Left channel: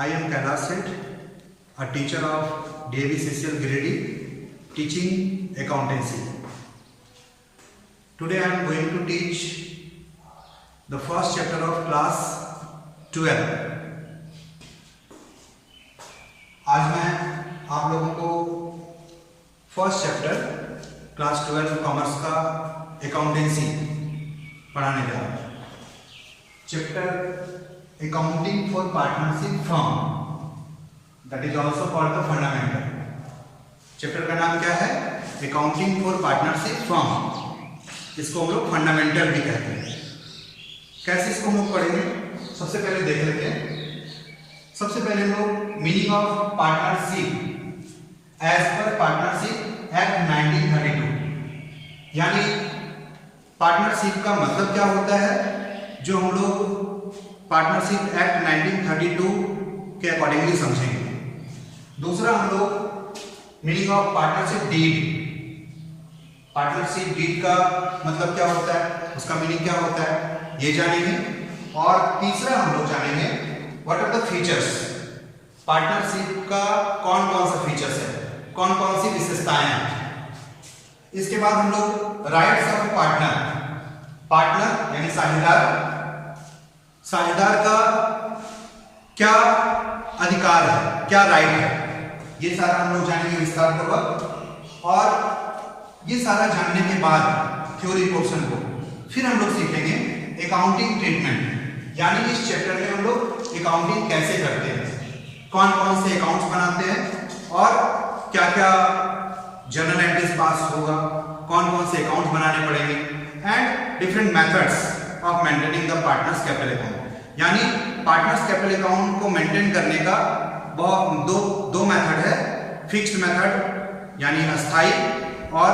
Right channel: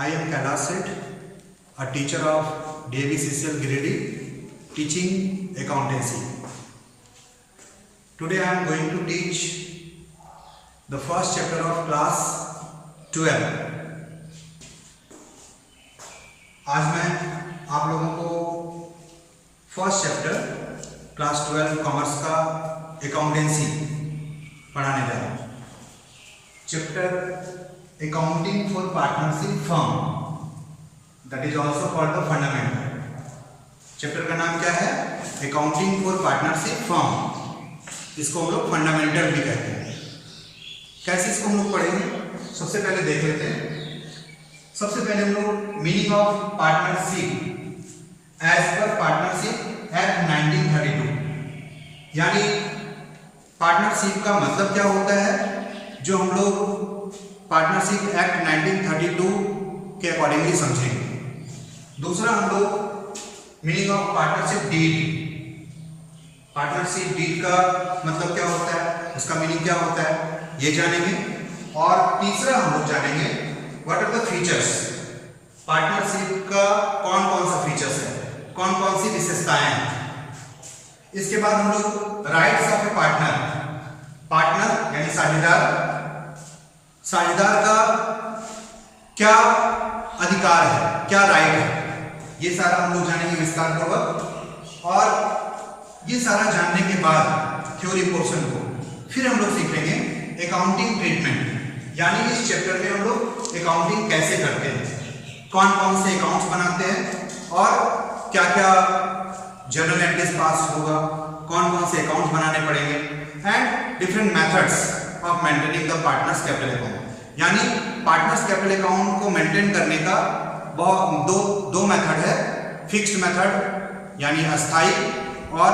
I am Kailash Seth, a teacher of DAV-CCL Giridih, teaching accountancy. Today I am going to teach the first chapter of class 12. आज मैं आप लोगों को first chapter class 12 commerce का accountancy पढ़ाने जा रहा हूँ। Chapter accounting for partnership firm, that is also called the fundamental. Chapter का नाम क्या है? Accounting for partnership firm. इसको हम लोग फंडामेंटल भी कहते हैं। कैसे इसको हम लोग पढ़ेंगे? सबसे पहले देख लेते हैं। सबसे पहले हम लोग meaning of partnership as per partnership act 1932, यानी पार्टनरशिप का मतलब क्या होता है, जो हम लोग पार्टनरशिप एक्ट 1932 के अकॉर्डिंगली समझेंगे। दूसरा हम लोग meaning of partnership deed. Partnership deed का मतलब क्या होता है, उसका मीनिंग क्या होता है, ये जानेंगे। और तीसरा हम लोग जानेंगे what are the features. Partnership का कौन कौन सा फीचर्स है, कौन कौन सी विशेषताएं हैं। इसके बाद हम लोग rights of A partner. Partner यानी साझेदार, साझेदार का क्या अधिकार है, क्या राइट है, ये सारा हम लोग जानेंगे विस्तार पूर्वक। और ये सारा जानने के बाद थ्योरी पोर्शन को फिर हम लोग सीखेंगे अकाउंटिंग ट्रीटमेंट, यानी इस चैप्टर में हम लोग अकाउंटिंग कैसे करते हैं, कौन कौन से अकाउंट्स बनाते हैं और क्या क्या जर्नल एंट्रीज पास होगा, कौन कौन से अकाउंट्स बनाने पड़ेंगे, and different methods of maintaining the partners capital account. यानी पार्टनर्स कैपिटल अकाउंट को मेंटेन करने का दो मेथड है, फिक्स्ड मेथड यानी अस्थाई और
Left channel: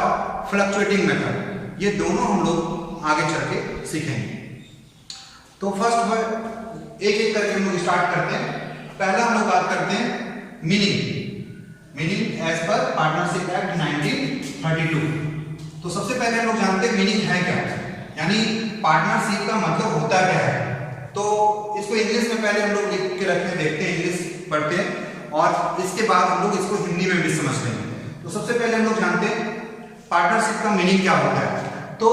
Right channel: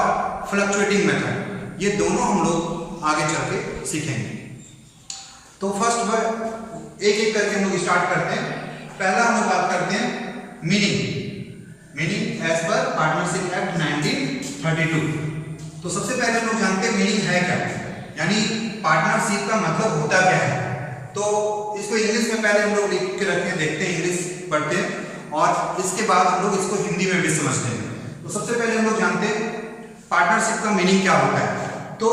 फ्लक्चुएटिंग मेथड। ये दोनों हम लोग आगे चल के सीखेंगे। तो फर्स्ट एक एक करके हम लोग स्टार्ट करते हैं। पहला हम लोग बात करते हैं meaning as per partnership act 1932। तो सबसे पहले हम लोग जानते हैं मीनिंग है क्या, यानी पार्टनरशिप का मतलब होता क्या है। तो इसको इंग्लिश में पहले हम लोग लिख के रखते हैं, देखते हैं, इंग्लिश पढ़ते हैं और इसके बाद हम लोग इसको हिंदी में भी समझते हैं। तो सबसे पहले हम लोग जानते हैं पार्टनरशिप का मीनिंग क्या होता है। तो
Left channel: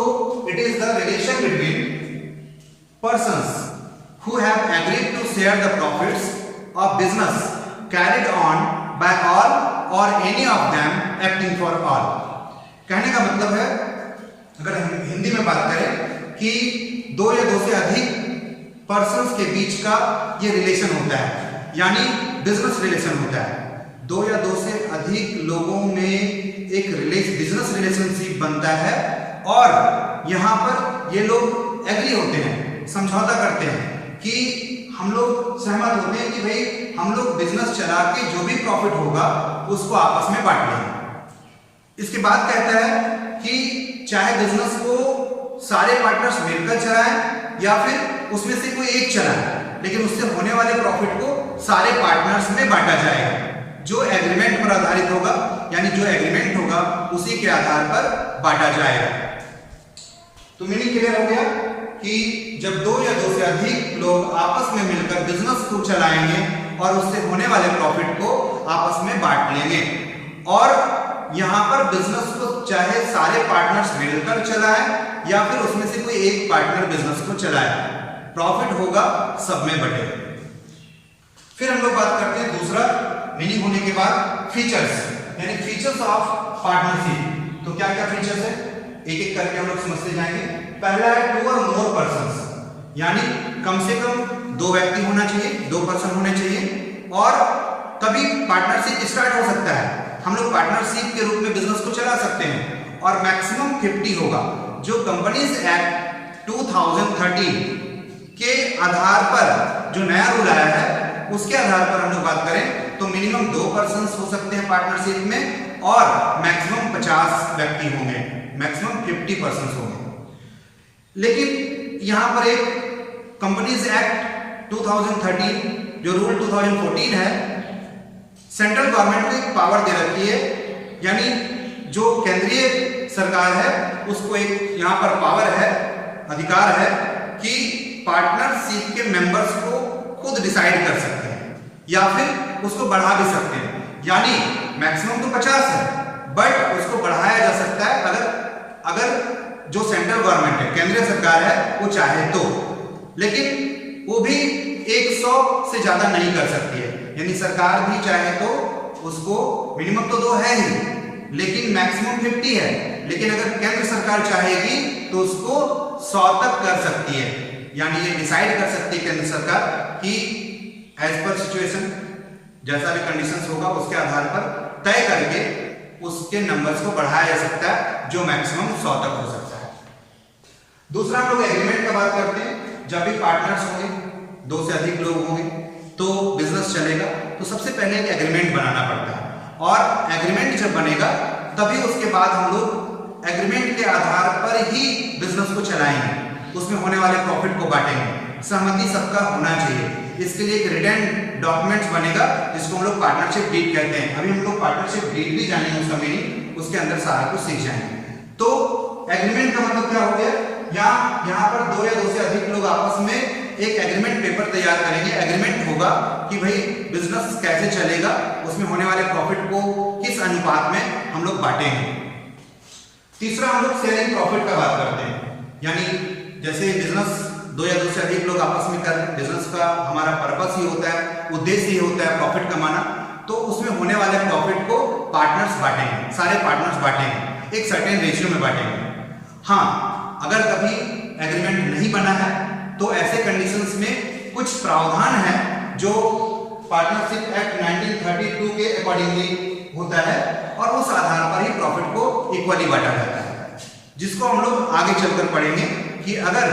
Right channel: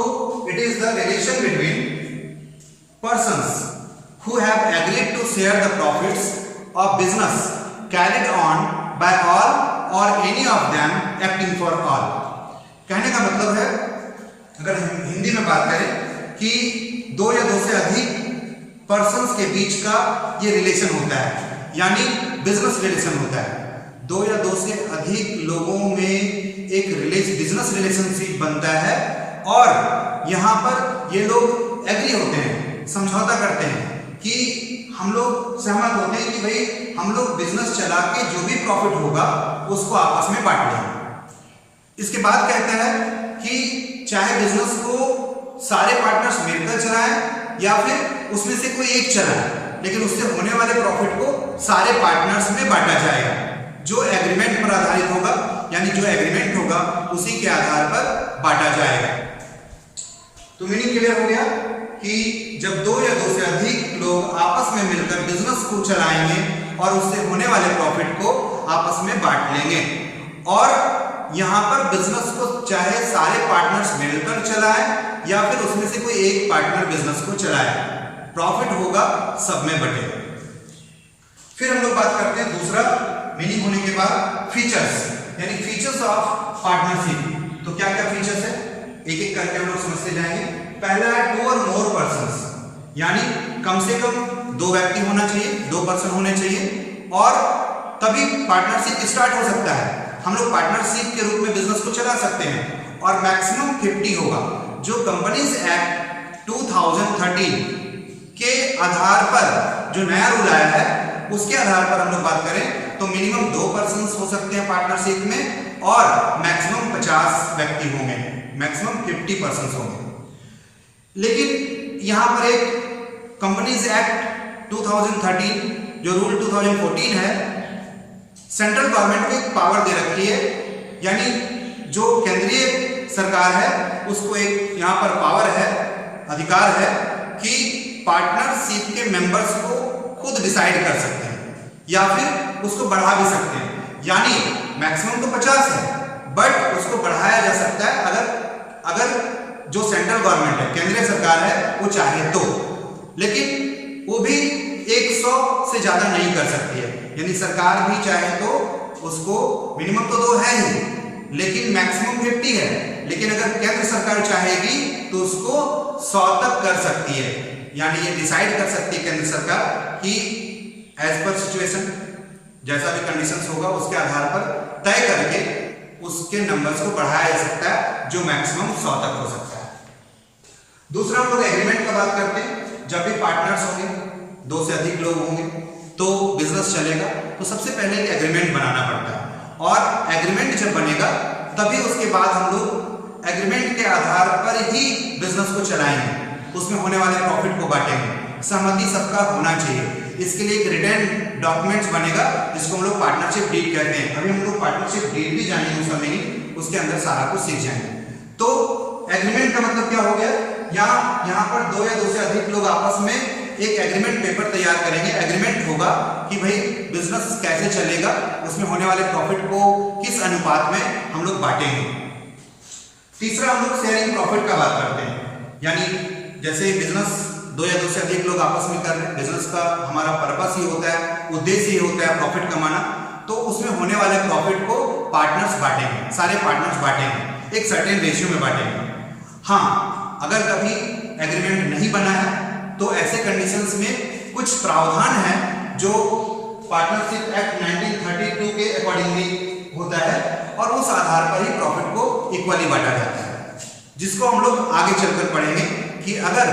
it is the relation between persons who have agreed to share the profits of business carried on by all or any of them acting for all। कहने का मतलब है, अगर हम हिंदी में बात करें, कि दो या दो से अधिक पर्सन्स के बीच का ये रिलेशन होता है, यानी बिजनेस रिलेशन होता है। दो या दो से अधिक लोगों में एक बिजनेस रिलेशनशिप बनता है और यहां पर ये लोग एग्री होते हैं, समझौता करते हैं कि हम लोग सहमत होते हैं कि भाई हम लोग बिजनेस चला के जो भी प्रॉफिट होगा उसको आपस में बांट लेंगे। इसके बाद कहता है कि चाहे बिजनेस को सारे पार्टनर्स मिलकर चलाएं या फिर उसमें से कोई एक चलाए, लेकिन उससे होने वाले प्रॉफिट को सारे पार्टनर्स में बांटा जाएगा, जो एग्रीमेंट पर आधारित होगा, यानी जो एग्रीमेंट होगा उसी के आधार पर बांटा जाएगा। तो मीनिंग क्लियर हो गया कि जब दो या दो से अधिक लोग आपस में मिलकर बिजनेस को चलाएंगे और उससे होने वाले प्रॉफिट को आपस में बांट लेंगे, और यहां पर बिजनेस को चाहे सारे पार्टनर्स मिलकर चलाएं या फिर उसमें से कोई एक पार्टनर बिजनेस को चलाए, प्रॉफिट होगा सब में बटेगा। फिर हम लोग बात करते हैं दूसरा मीनिंग होने के बाद फीचर्स, यानी फीचर्स ऑफ पार्टनरशिप। तो क्या क्या फीचर्स है, एक एक करके हम लोग समझते जाएंगे। पहला है टू और मोर पर्सन्स, यानी कम से कम दो व्यक्ति होना चाहिए, दो पर्सन होने चाहिए, और तभी पार्टनरशिप स्टार्ट हो सकता है। हम लोग पार्टनरशिप के रूप में बिजनेस को चला सकते हैं, और मैक्सिमम 50 होगा। जो कंपनीज एक्ट 2013 के आधार पर जो नया रूल आया है उसके आधार पर हम लोग बात करें तो मिनिमम 2 पर्सन हो सकते हैं पार्टनरशिप में, और मैक्सिमम 50 व्यक्ति होंगे, मैक्सिमम 50 पर्सन होंगे। लेकिन यहां पर एक कंपनीज एक्ट 2013 जो रूल 2014 है, सेंट्रल गवर्नमेंट को एक पावर दे रखी है, यानी जो केंद्रीय सरकार है उसको एक यहां पर पावर है, अधिकार है कि पार्टनरशिप के मेंबर्स को खुद डिसाइड कर सकते हैं या फिर उसको बढ़ा भी सकते हैं। यानी मैक्सिमम तो 50 है, बट उसको बढ़ाया जा सकता है अगर जो सेंट्रल गवर्नमेंट है, केंद्रीय सरकार है, वो चाहे तो। लेकिन वो भी 100 से ज्यादा नहीं कर सकती है। यानी सरकार भी चाहे तो उसको मिनिमम तो 2 है ही, लेकिन मैक्सिमम 50 है। लेकिन अगर केंद्र सरकार चाहेगी तो उसको 100 तक कर सकती है। यानी ये डिसाइड कर सकती है केंद्र सरकार कि एज पर सिचुएशन, जैसा भी कंडीशंस होगा उसके आधार पर तय करके उसके नंबर्स को बढ़ाया जा सकता है, जो मैक्सिमम 100 तक हो सकता है। दूसरा हम लोग एग्रीमेंट का बात करते हैं। जब भी पार्टनर्स होंगे, 2 से अधिक लोग होंगे, तो बिजनेस चलेगा तो सबसे पहले एक एग्रीमेंट बनाना पड़ता है। और एग्रीमेंट जब बनेगा तभी उसके बाद हम लोग एग्रीमेंट के आधार पर ही बिजनेस को चलाएंगे, उसमें होने वाले प्रॉफिट को बांटेंगे। सहमति सबका होना चाहिए। इसके लिए एक रिटन डॉक्यूमेंट्स बनेगा जिसको हम लोग पार्टनरशिप डीड कहते हैं। अभी हम लोग पार्टनरशिप डीड भी जानेंगे, उसका मीनिंग, उसके अंदर सारा कुछ सीख जाएंगे। तो एग्रीमेंट का मतलब क्या हो गया, यहाँ पर 2 या 2 से अधिक लोग आपस में एक एग्रीमेंट पेपर तैयार करेंगे। एग्रीमेंट होगा कि भाई बिजनेस कैसे चलेगा, उसमें होने वाले प्रॉफिट को किस अनुपात में हम लोग बांटेंगे। तीसरा हम लोग शेयरिंग प्रॉफिट का बात करते हैं। यानी जैसे बिजनेस 2 या 2 से अधिक लोग आपस में कर रहे हैं, बिजनेस का हमारा पर्पस ही होता है, उद्देश्य ही होता है प्रॉफिट कमाना। तो उसमें होने वाले प्रॉफिट को पार्टनर्स बांटेंगे, सारे पार्टनर्स बांटेंगे, एक सर्टेन रेशियो में बांटेंगे। हाँ, अगर कभी एग्रीमेंट नहीं बना है तो ऐसे कंडीशंस में कुछ प्रावधान है जो पार्टनरशिप एक्ट 1932 के अकॉर्डिंगली होता है, और उस आधार पर ही प्रॉफिट को इक्वली बांटा जाता है, जिसको हम लोग आगे चलकर पढ़ेंगे कि अगर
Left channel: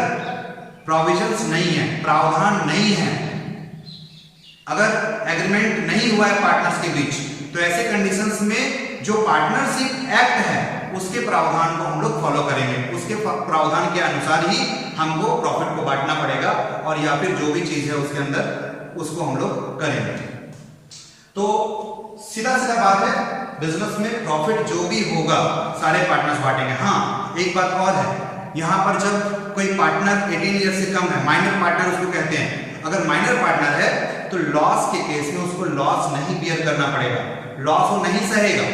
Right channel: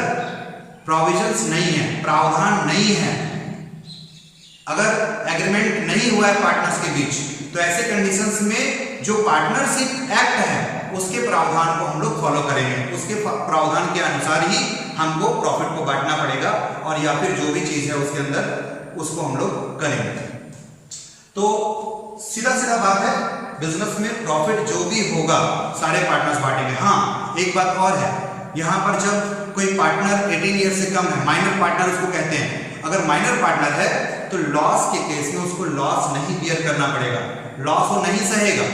प्रोविजंस नहीं है, प्रावधान नहीं है, अगर एग्रीमेंट नहीं हुआ है पार्टनर्स के बीच, तो ऐसे कंडीशंस में जो पार्टनरशिप एक्ट है उसके प्रावधान को हम लोग फॉलो करेंगे। उसके प्रावधान के अनुसार ही हमको प्रॉफिट को बांटना पड़ेगा, और या फिर जो भी चीज है उसके अंदर उसको हम लोग करेंगे। तो सीधा सीधा बात है, बिजनेस में प्रॉफिट जो भी होगा सारे पार्टनर्स बांटेंगे। हाँ, एक बात और है, यहाँ पर जब कोई पार्टनर 18 ईयर से कम है, माइनर पार्टनर उसको कहते हैं, अगर माइनर पार्टनर है तो लॉस के केस में उसको लॉस नहीं बियर करना पड़ेगा, लॉस वो नहीं सहेगा।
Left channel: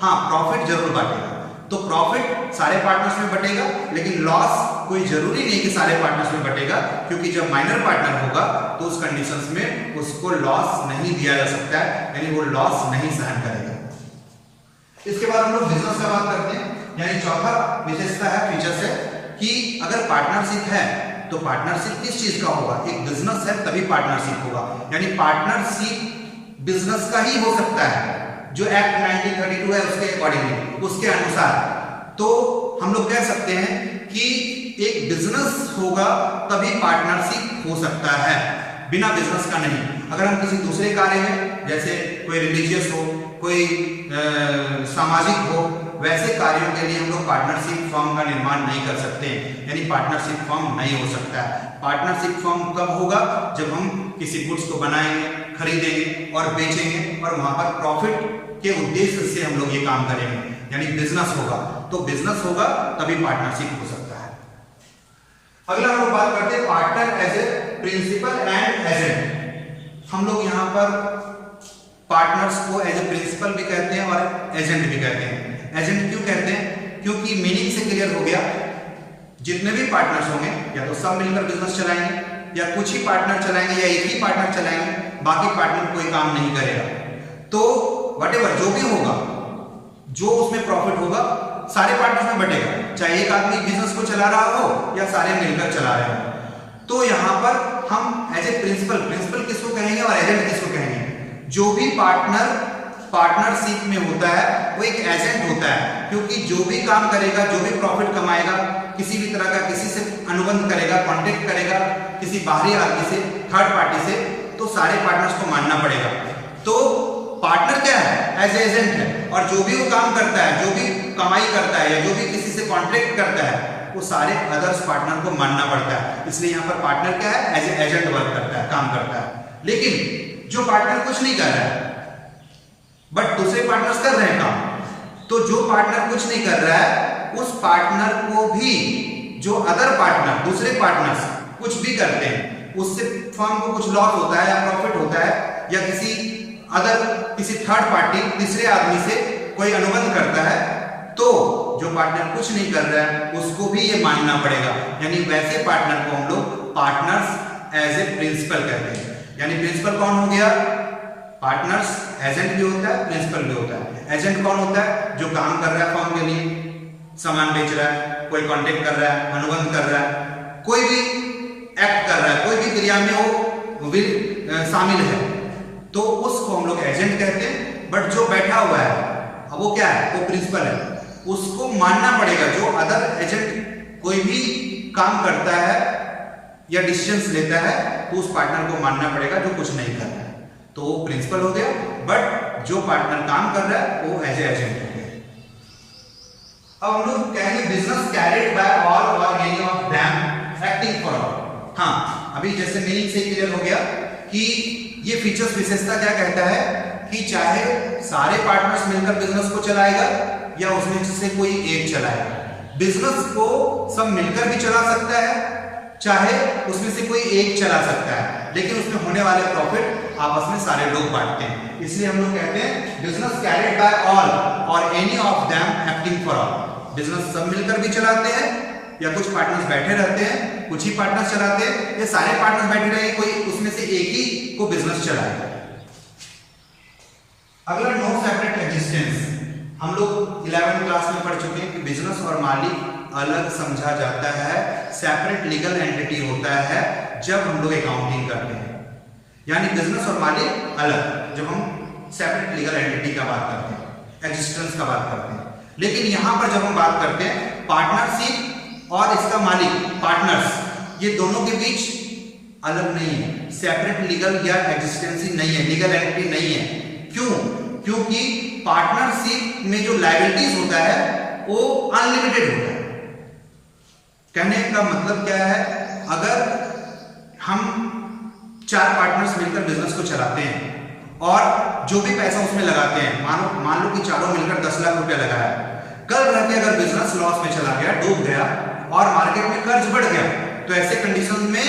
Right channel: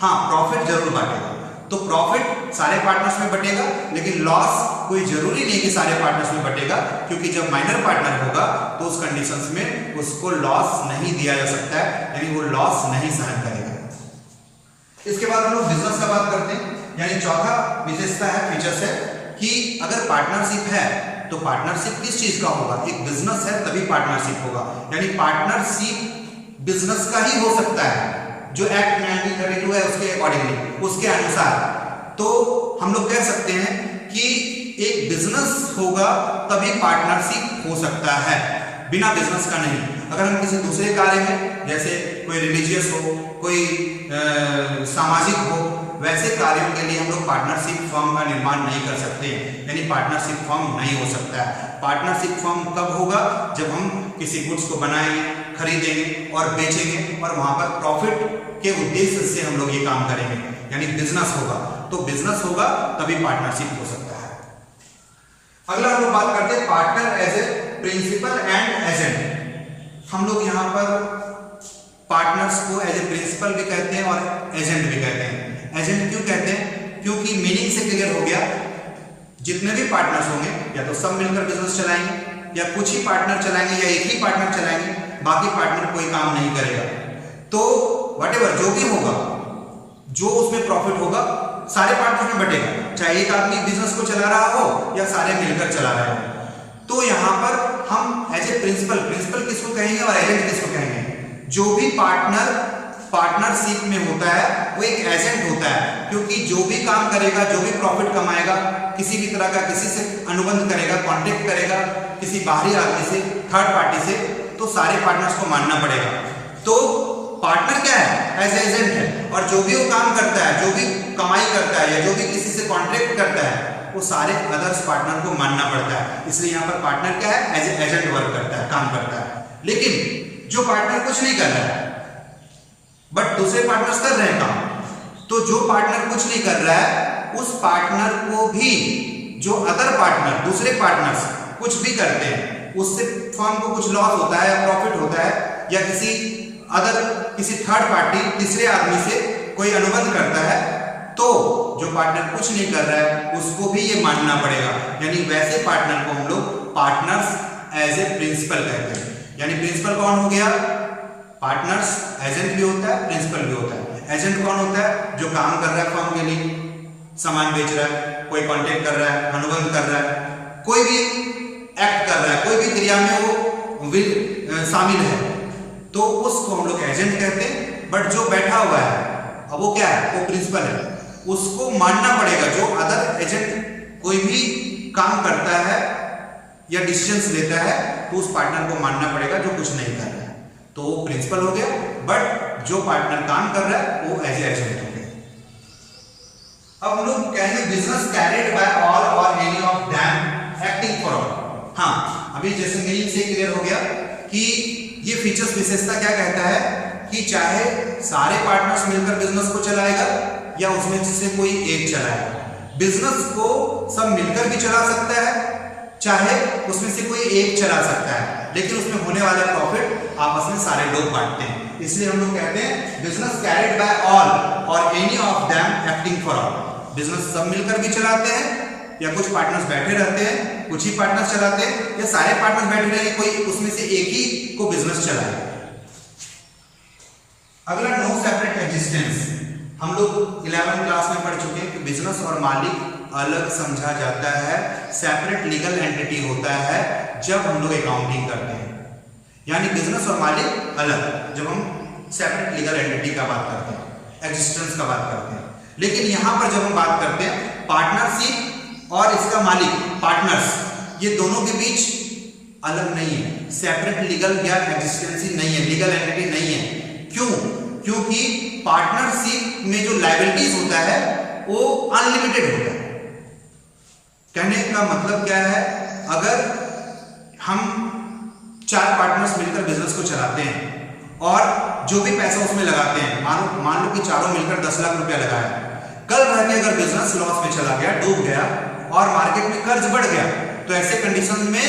हाँ, प्रॉफिट जरूर बांटेगा। तो प्रॉफिट सारे पार्टनर्स में बटेगा, लेकिन लॉस कोई जरूरी नहीं कि सारे पार्टनर्स में बटेगा, क्योंकि जब माइनर पार्टनर होगा तो उस कंडीशंस में उसको लॉस नहीं दिया जा सकता है, यानी वो लॉस नहीं सहन करेगा। इसके बाद हम लोग बिजनेस का बात करते हैं। यानी चौथा विशेषता है, फीचर्स है कि अगर पार्टनरशिप है तो पार्टनरशिप किस चीज का होगा, एक बिजनेस है तभी पार्टनरशिप होगा। यानी पार्टनरशिप बिजनेस का ही हो सकता है, जो एक्ट 1932 है उसके अकॉर्डिंगली, उसके अनुसार। तो हम लोग कह सकते हैं कि एक बिजनेस होगा तभी पार्टनरशिप हो सकता है, बिना बिजनेस का नहीं। अगर हम किसी दूसरे कार्य में, जैसे कोई रिलीजियस हो, कोई सामाजिक हो, वैसे कार्यों के लिए हम लोग पार्टनरशिप फर्म का निर्माण नहीं कर सकते, यानी पार्टनरशिप फर्म नहीं हो सकता है। पार्टनरशिप फर्म कब होगा, जब हम किसी गुड्स को बनाएंगे, खरीदेंगे और बेचेंगे, और वहां पर प्रॉफिट के उद्देश्य से हम लोग ये काम करेंगे, यानी बिजनेस होगा। तो बिजनेस होगा तभी पार्टनरशिप हो सकता है। अगला हम लोग बात करते हैं partner as a principal and agent. हम लोग यहाँ पर पार्टनर्स को एज ए प्रिंसिपल भी कहते हैं और एजेंट भी कहते हैं। एजेंट क्यों कहते हैं, क्योंकि मीनिंग से क्लियर हो गया, जितने भी पार्टनर्स होंगे या तो सब मिलकर बिजनेस चलाएंगे, या कुछ ही पार्टनर चलाएंगे, या एक ही पार्टनर चलाएंगे, बाकी पार्टनर कोई काम नहीं करेगा। तो व्हाटएवर जो भी होगा, जो उसमें प्रॉफिट होगा सारे पार्टनर्स में बटेगा, चाहे एक आदमी बिजनेस को चला रहा हो या सारे मिलकर चला रहे हो। तो यहाँ पर हम एज ए प्रिंसिपल किसको कहेंगे और एजेंट किसको कहेंगे, जो भी पार्टनर पार्टनरशिप में होता है वो एक एजेंट होता है, क्योंकि जो भी काम करेगा, जो भी प्रॉफिट कमाएगा, किसी भी तरह का किसी से अनुबंध करेगा, कॉन्टेक्ट करेगा किसी बाहरी आदमी से, थर्ड पार्टी से, तो सारे पार्टनर्स को मानना पड़ेगा। तो पार्टनर क्या है, एज एजेंट है, और जो भी वो काम करता है, जो भी कमाई करता है, या जो भी किसी से कॉन्ट्रैक्ट करता है, वो सारे अदर्स पार्टनर को मानना पड़ता है। इसलिए यहाँ पर पार्टनर क्या है, एज एजेंट वर्क करता है, काम करता है। लेकिन जो पार्टनर कुछ नहीं कर रहा है बट दूसरे पार्टनर्स कर रहे हैं काम, तो जो पार्टनर कुछ नहीं कर रहा है उस पार्टनर को भी जो अदर पार्टनर, दूसरे पार्टनर्स कुछ भी करते हैं, उससे फर्म को कुछ लॉस होता है या प्रॉफिट होता है, या किसी थर्ड पार्टी तीसरे आदमी से कोई अनुबंध करता है तो जो पार्टनर कुछ नहीं कर रहा है उसको भी ये मानना पड़ेगा। यानी वैसे पार्टनर को हम लोग पार्टनर्स एज ए प्रिंसिपल कहते हैं। यानी प्रिंसिपल कौन हो गया? पार्टनर्स एजेंट भी होता है, प्रिंसिपल भी होता है। एजेंट कौन होता है? जो काम कर रहा है फर्म के लिए, सामान बेच रहा है, कोई कॉन्टेक्ट कर रहा है, अनुबंध कर रहा है, कोई भी एक्ट कर रहा है, कोई भी क्रिया में वो शामिल है, तो उसको हम लोग एजेंट कहते हैं। बट जो बैठा हुआ है अब वो क्या है? वो प्रिंसिपल है, उसको मानना पड़ेगा। जो अदर एजेंट कोई भी काम करता है या डिसीजंस लेता है तो उस पार्टनर को मानना पड़ेगा जो कुछ नहीं कर रहा है, तो वो प्रिंसिपल हो गया। बट जो पार्टनर काम कर रहा है वो एज ए एजेंट हो गया। अब हम लोग कहेंगे बिजनेस कैरिड बाय ऑल और any of them acting for all. हाँ, अभी जैसे मीनिंग से क्लियर हो गया कि ये फीचर्स विशेषता क्या कहता है कि चाहे सारे पार्टनर्स मिलकर बिजनेस को चलाएगा या उसमें से कोई एक चलाएगा। बिजनेस को सब मिलकर भी चला सकता है, चाहे उसमें से कोई एक चला सकता है, लेकिन उसमें होने वाले प्रॉफिट आपस में सारे लोग बांटते हैं। इसलिए हम लोग कहते हैं बिजनेस कैरिड बाय ऑल और any of them acting for all. Business सब मिलकर भी चलाते हैं या कुछ पार्टनर्स बैठे रहते हैं, कुछ ही पार्टनर्स चलाते हैं, या सारे पार्टनर्स बैठे रहे, कोई उसमें से एक ही को बिजनेस चलाए। अगला नो सेपरेट एग्जिस्टेंस। हम लोग 11वीं क्लास में पढ़ चुके हैं कि बिजनेस और मालिक अलग समझा जाता है, सेपरेट लीगल एंटिटी होता है जब हम लोग अकाउंटिंग करते हैं। यानी बिजनेस और मालिक अलग जब हम सेपरेट लीगल एंटिटी का बात करते हैं, एग्जिस्टेंस का बात करते हैं। लेकिन यहां पर जब हम बात करते हैं पार्टनरशिप और इसका मालिक पार्टनर्स, ये दोनों के बीच अलग नहीं है, सेपरेट लीगल या एग्जिस्टेंसी नहीं है, लीगल एंटिटी नहीं है। क्यों? क्योंकि पार्टनरशिप में जो लायबिलिटीज होता है वो अनलिमिटेड होता है। कहने का मतलब क्या है? अगर हम 4 पार्टनर्स मिलकर बिजनेस को चलाते हैं और जो भी पैसा उसमें लगाते हैं, मान लो कि चारों मिलकर 10 लाख रुपया लगाया, कल रह के अगर बिजनेस लॉस में चला गया, डूब गया और मार्केट में कर्ज बढ़ गया, तो ऐसे कंडीशन में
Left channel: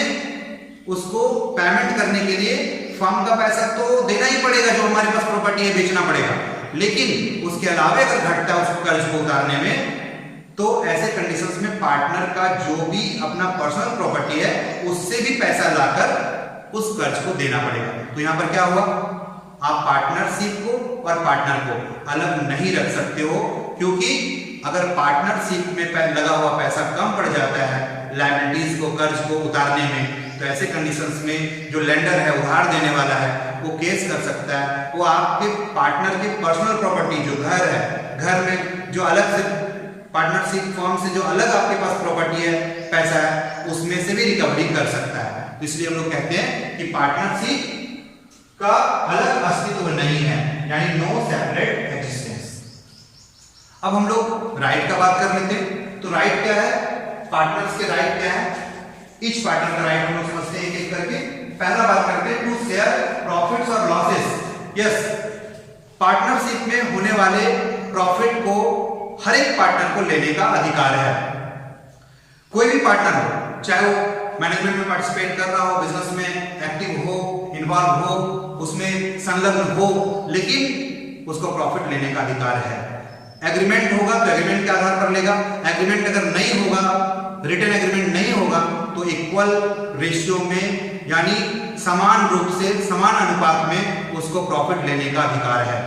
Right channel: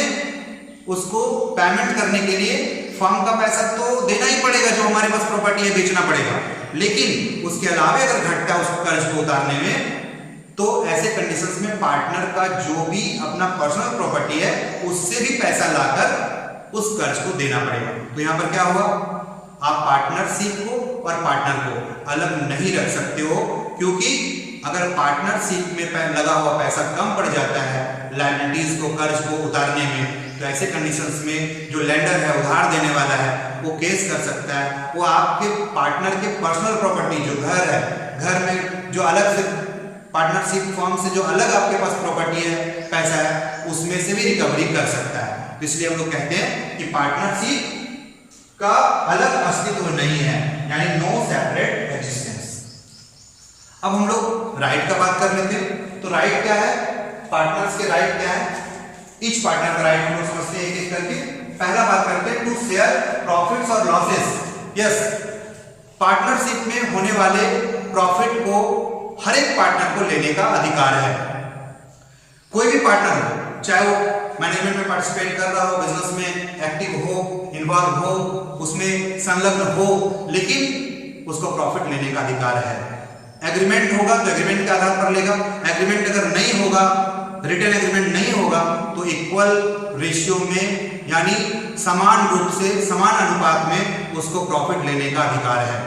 उसको पेमेंट करने के लिए फर्म का पैसा तो देना ही पड़ेगा, जो हमारे पास प्रॉपर्टी है बेचना पड़ेगा। लेकिन उसके अलावा अगर घटता है उसको कर्ज को उतारने में, तो ऐसे कंडीशंस में पार्टनर का जो भी अपना पर्सनल प्रॉपर्टी है उससे भी पैसा लाकर उस कर्ज को देना पड़ेगा। तो यहां पर क्या हुआ? आप पार्टनरशिप को और पार्टनर को अलग नहीं रख सकते हो, क्योंकि अगर पार्टनरशिप में लगा हुआ पैसा कम पड़ जाता है लायबिलिटीज को, कर्ज को उतारने में, तो ऐसे कंडीशंस में जो लेंडर है, उधार देने वाला है, वो केस कर सकता है। वो आपके पार्टनर के पर्सनल प्रॉपर्टी जो घर है, घर में जो अलग से पार्टनरशिप फर्म से जो अलग आपके पास प्रॉपर्टी है, पैसा है, उसमें से भी रिकवरी कर सकता है। तो इसलिए हम लोग कहते हैं कि पार्टनरशिप का अलग अस्तित्व नहीं है, यानी नो सेपरेट एग्जिस्टेंस। अब हम लोग राइट का बात कर लेते हैं। तो राइट क्या है? पार्टनर्स के राइट क्या है? ईच पार्टनर का राइट हम लोग समझते हैं एक एक करके। पहला बात करते हैं टू शेयर प्रॉफिट्स और लॉसेस। यस, पार्टनरशिप में होने वाले प्रॉफिट को हर एक पार्टनर को लेने का अधिकार है। कोई भी पार्टनर हो, चाहे वो मैनेजमेंट में पार्टिसिपेट कर रहा हो, बिजनेस में एक्टिव हो, इन्वॉल्व हो, उसमें संलग्न हो, लेकिन उसको प्रॉफिट लेने का अधिकार है। एग्रीमेंट होगा तो एग्रीमेंट के आधार पर लेगा, एग्रीमेंट अगर नहीं होगा, रिटन एग्रीमेंट नहीं होगा, तो इक्वल रेशियो में यानी समान रूप से, समान अनुपात में उसको प्रॉफिट लेने का अधिकार है।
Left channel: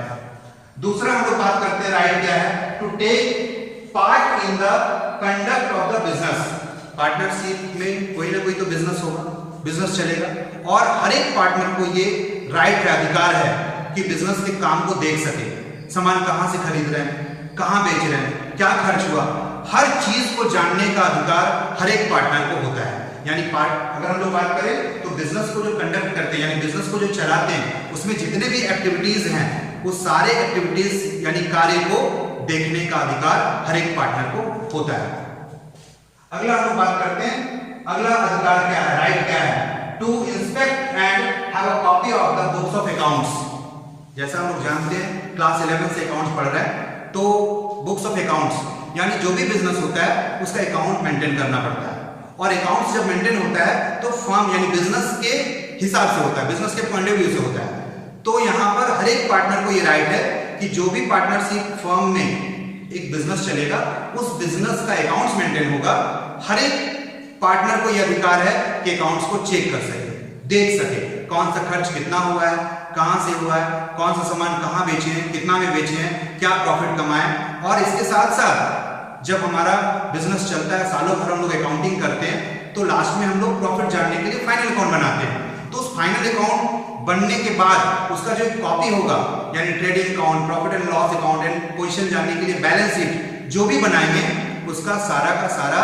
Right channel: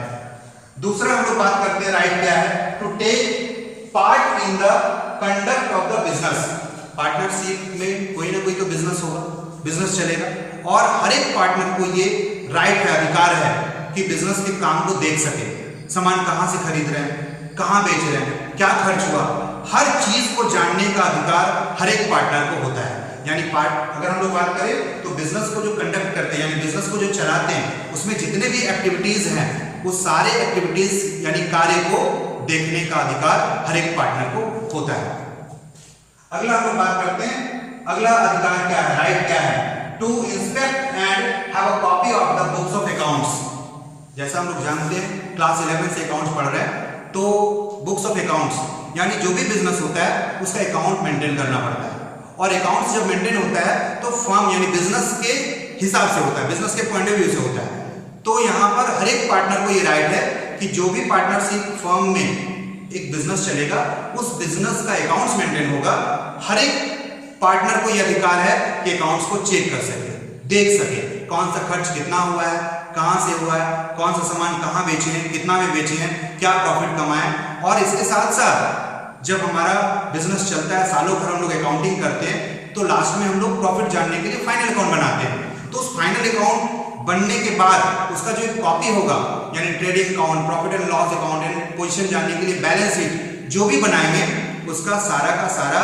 दूसरा हम लोग बात करते हैं राइट क्या है? To take part in the conduct of the business. Partnership में कोई ना कोई तो बिजनेस होगा, बिजनेस चलेगा, और हर एक पार्टनर को ये राइट है, अधिकार है कि बिजनेस के काम को देख सके। सामान कहां से खरीद रहे हैं, कहां बेच रहे हैं, क्या खर्च हुआ, हर चीज को जानने का अधिकार हर एक पार्टनर को होता है। यानी अगर हम लोग बात करें तो बिजनेस को जो कंडक्ट करते हैं, यानी बिजनेस को जो चलाते हैं, उसमें जितने भी एक्टिविटीज हैं, उस सारे एक्टिविटीज यानी कार्य को देखने का अधिकार हर एक पार्टनर को होता है। अगला हम लोग बात करते हैं, अगला अधिकार क्या है, राइट क्या है? To inspect and have a copy of the books of accounts. जैसा हम लोग जानते हैं, क्लास 11 से अकाउंट्स पढ़ रहे हैं, तो बुक्स ऑफ अकाउंट्स यानी जो भी बिजनेस होता है उसका अकाउंट मेंटेन करना पड़ता है। और अकाउंट्स जब मेंटेन होता है तो फर्म यानी बिजनेस के हिसाब से होता है, बिजनेस के पॉइंट ऑफ व्यू से होता है। तो यहाँ पर हर एक पार्टनर को ये राइट है कि जो भी पार्टनरशिप फर्म में एक बिजनेस चलेगा उस बिजनेस का अकाउंट्स मेंटेन होगा। हर एक पार्टनर को यह अधिकार है कि अकाउंट्स को चेक कर सके, देख सके कौन सा खर्च कितना हुआ है, कहां से हुआ है, कौन सा सामान कहां बेचे हैं, कितना में बेचे हैं, क्या प्रॉफिट कमाए। और इसके साथ साथ जब हमारा बिजनेस चलता है, सालों भर हम लोग अकाउंटिंग करते हैं, तो लास्ट में हम लोग प्रॉफिट जानने के लिए फाइनल अकाउंट बनाते हैं। तो उस फाइनल अकाउंट बनने के बाद उसका जो कॉपी होगा, यानी trading account, profit and loss account and position जानने के लिए बैलेंस शीट जो भी बनाएंगे, उसका सारा का सारा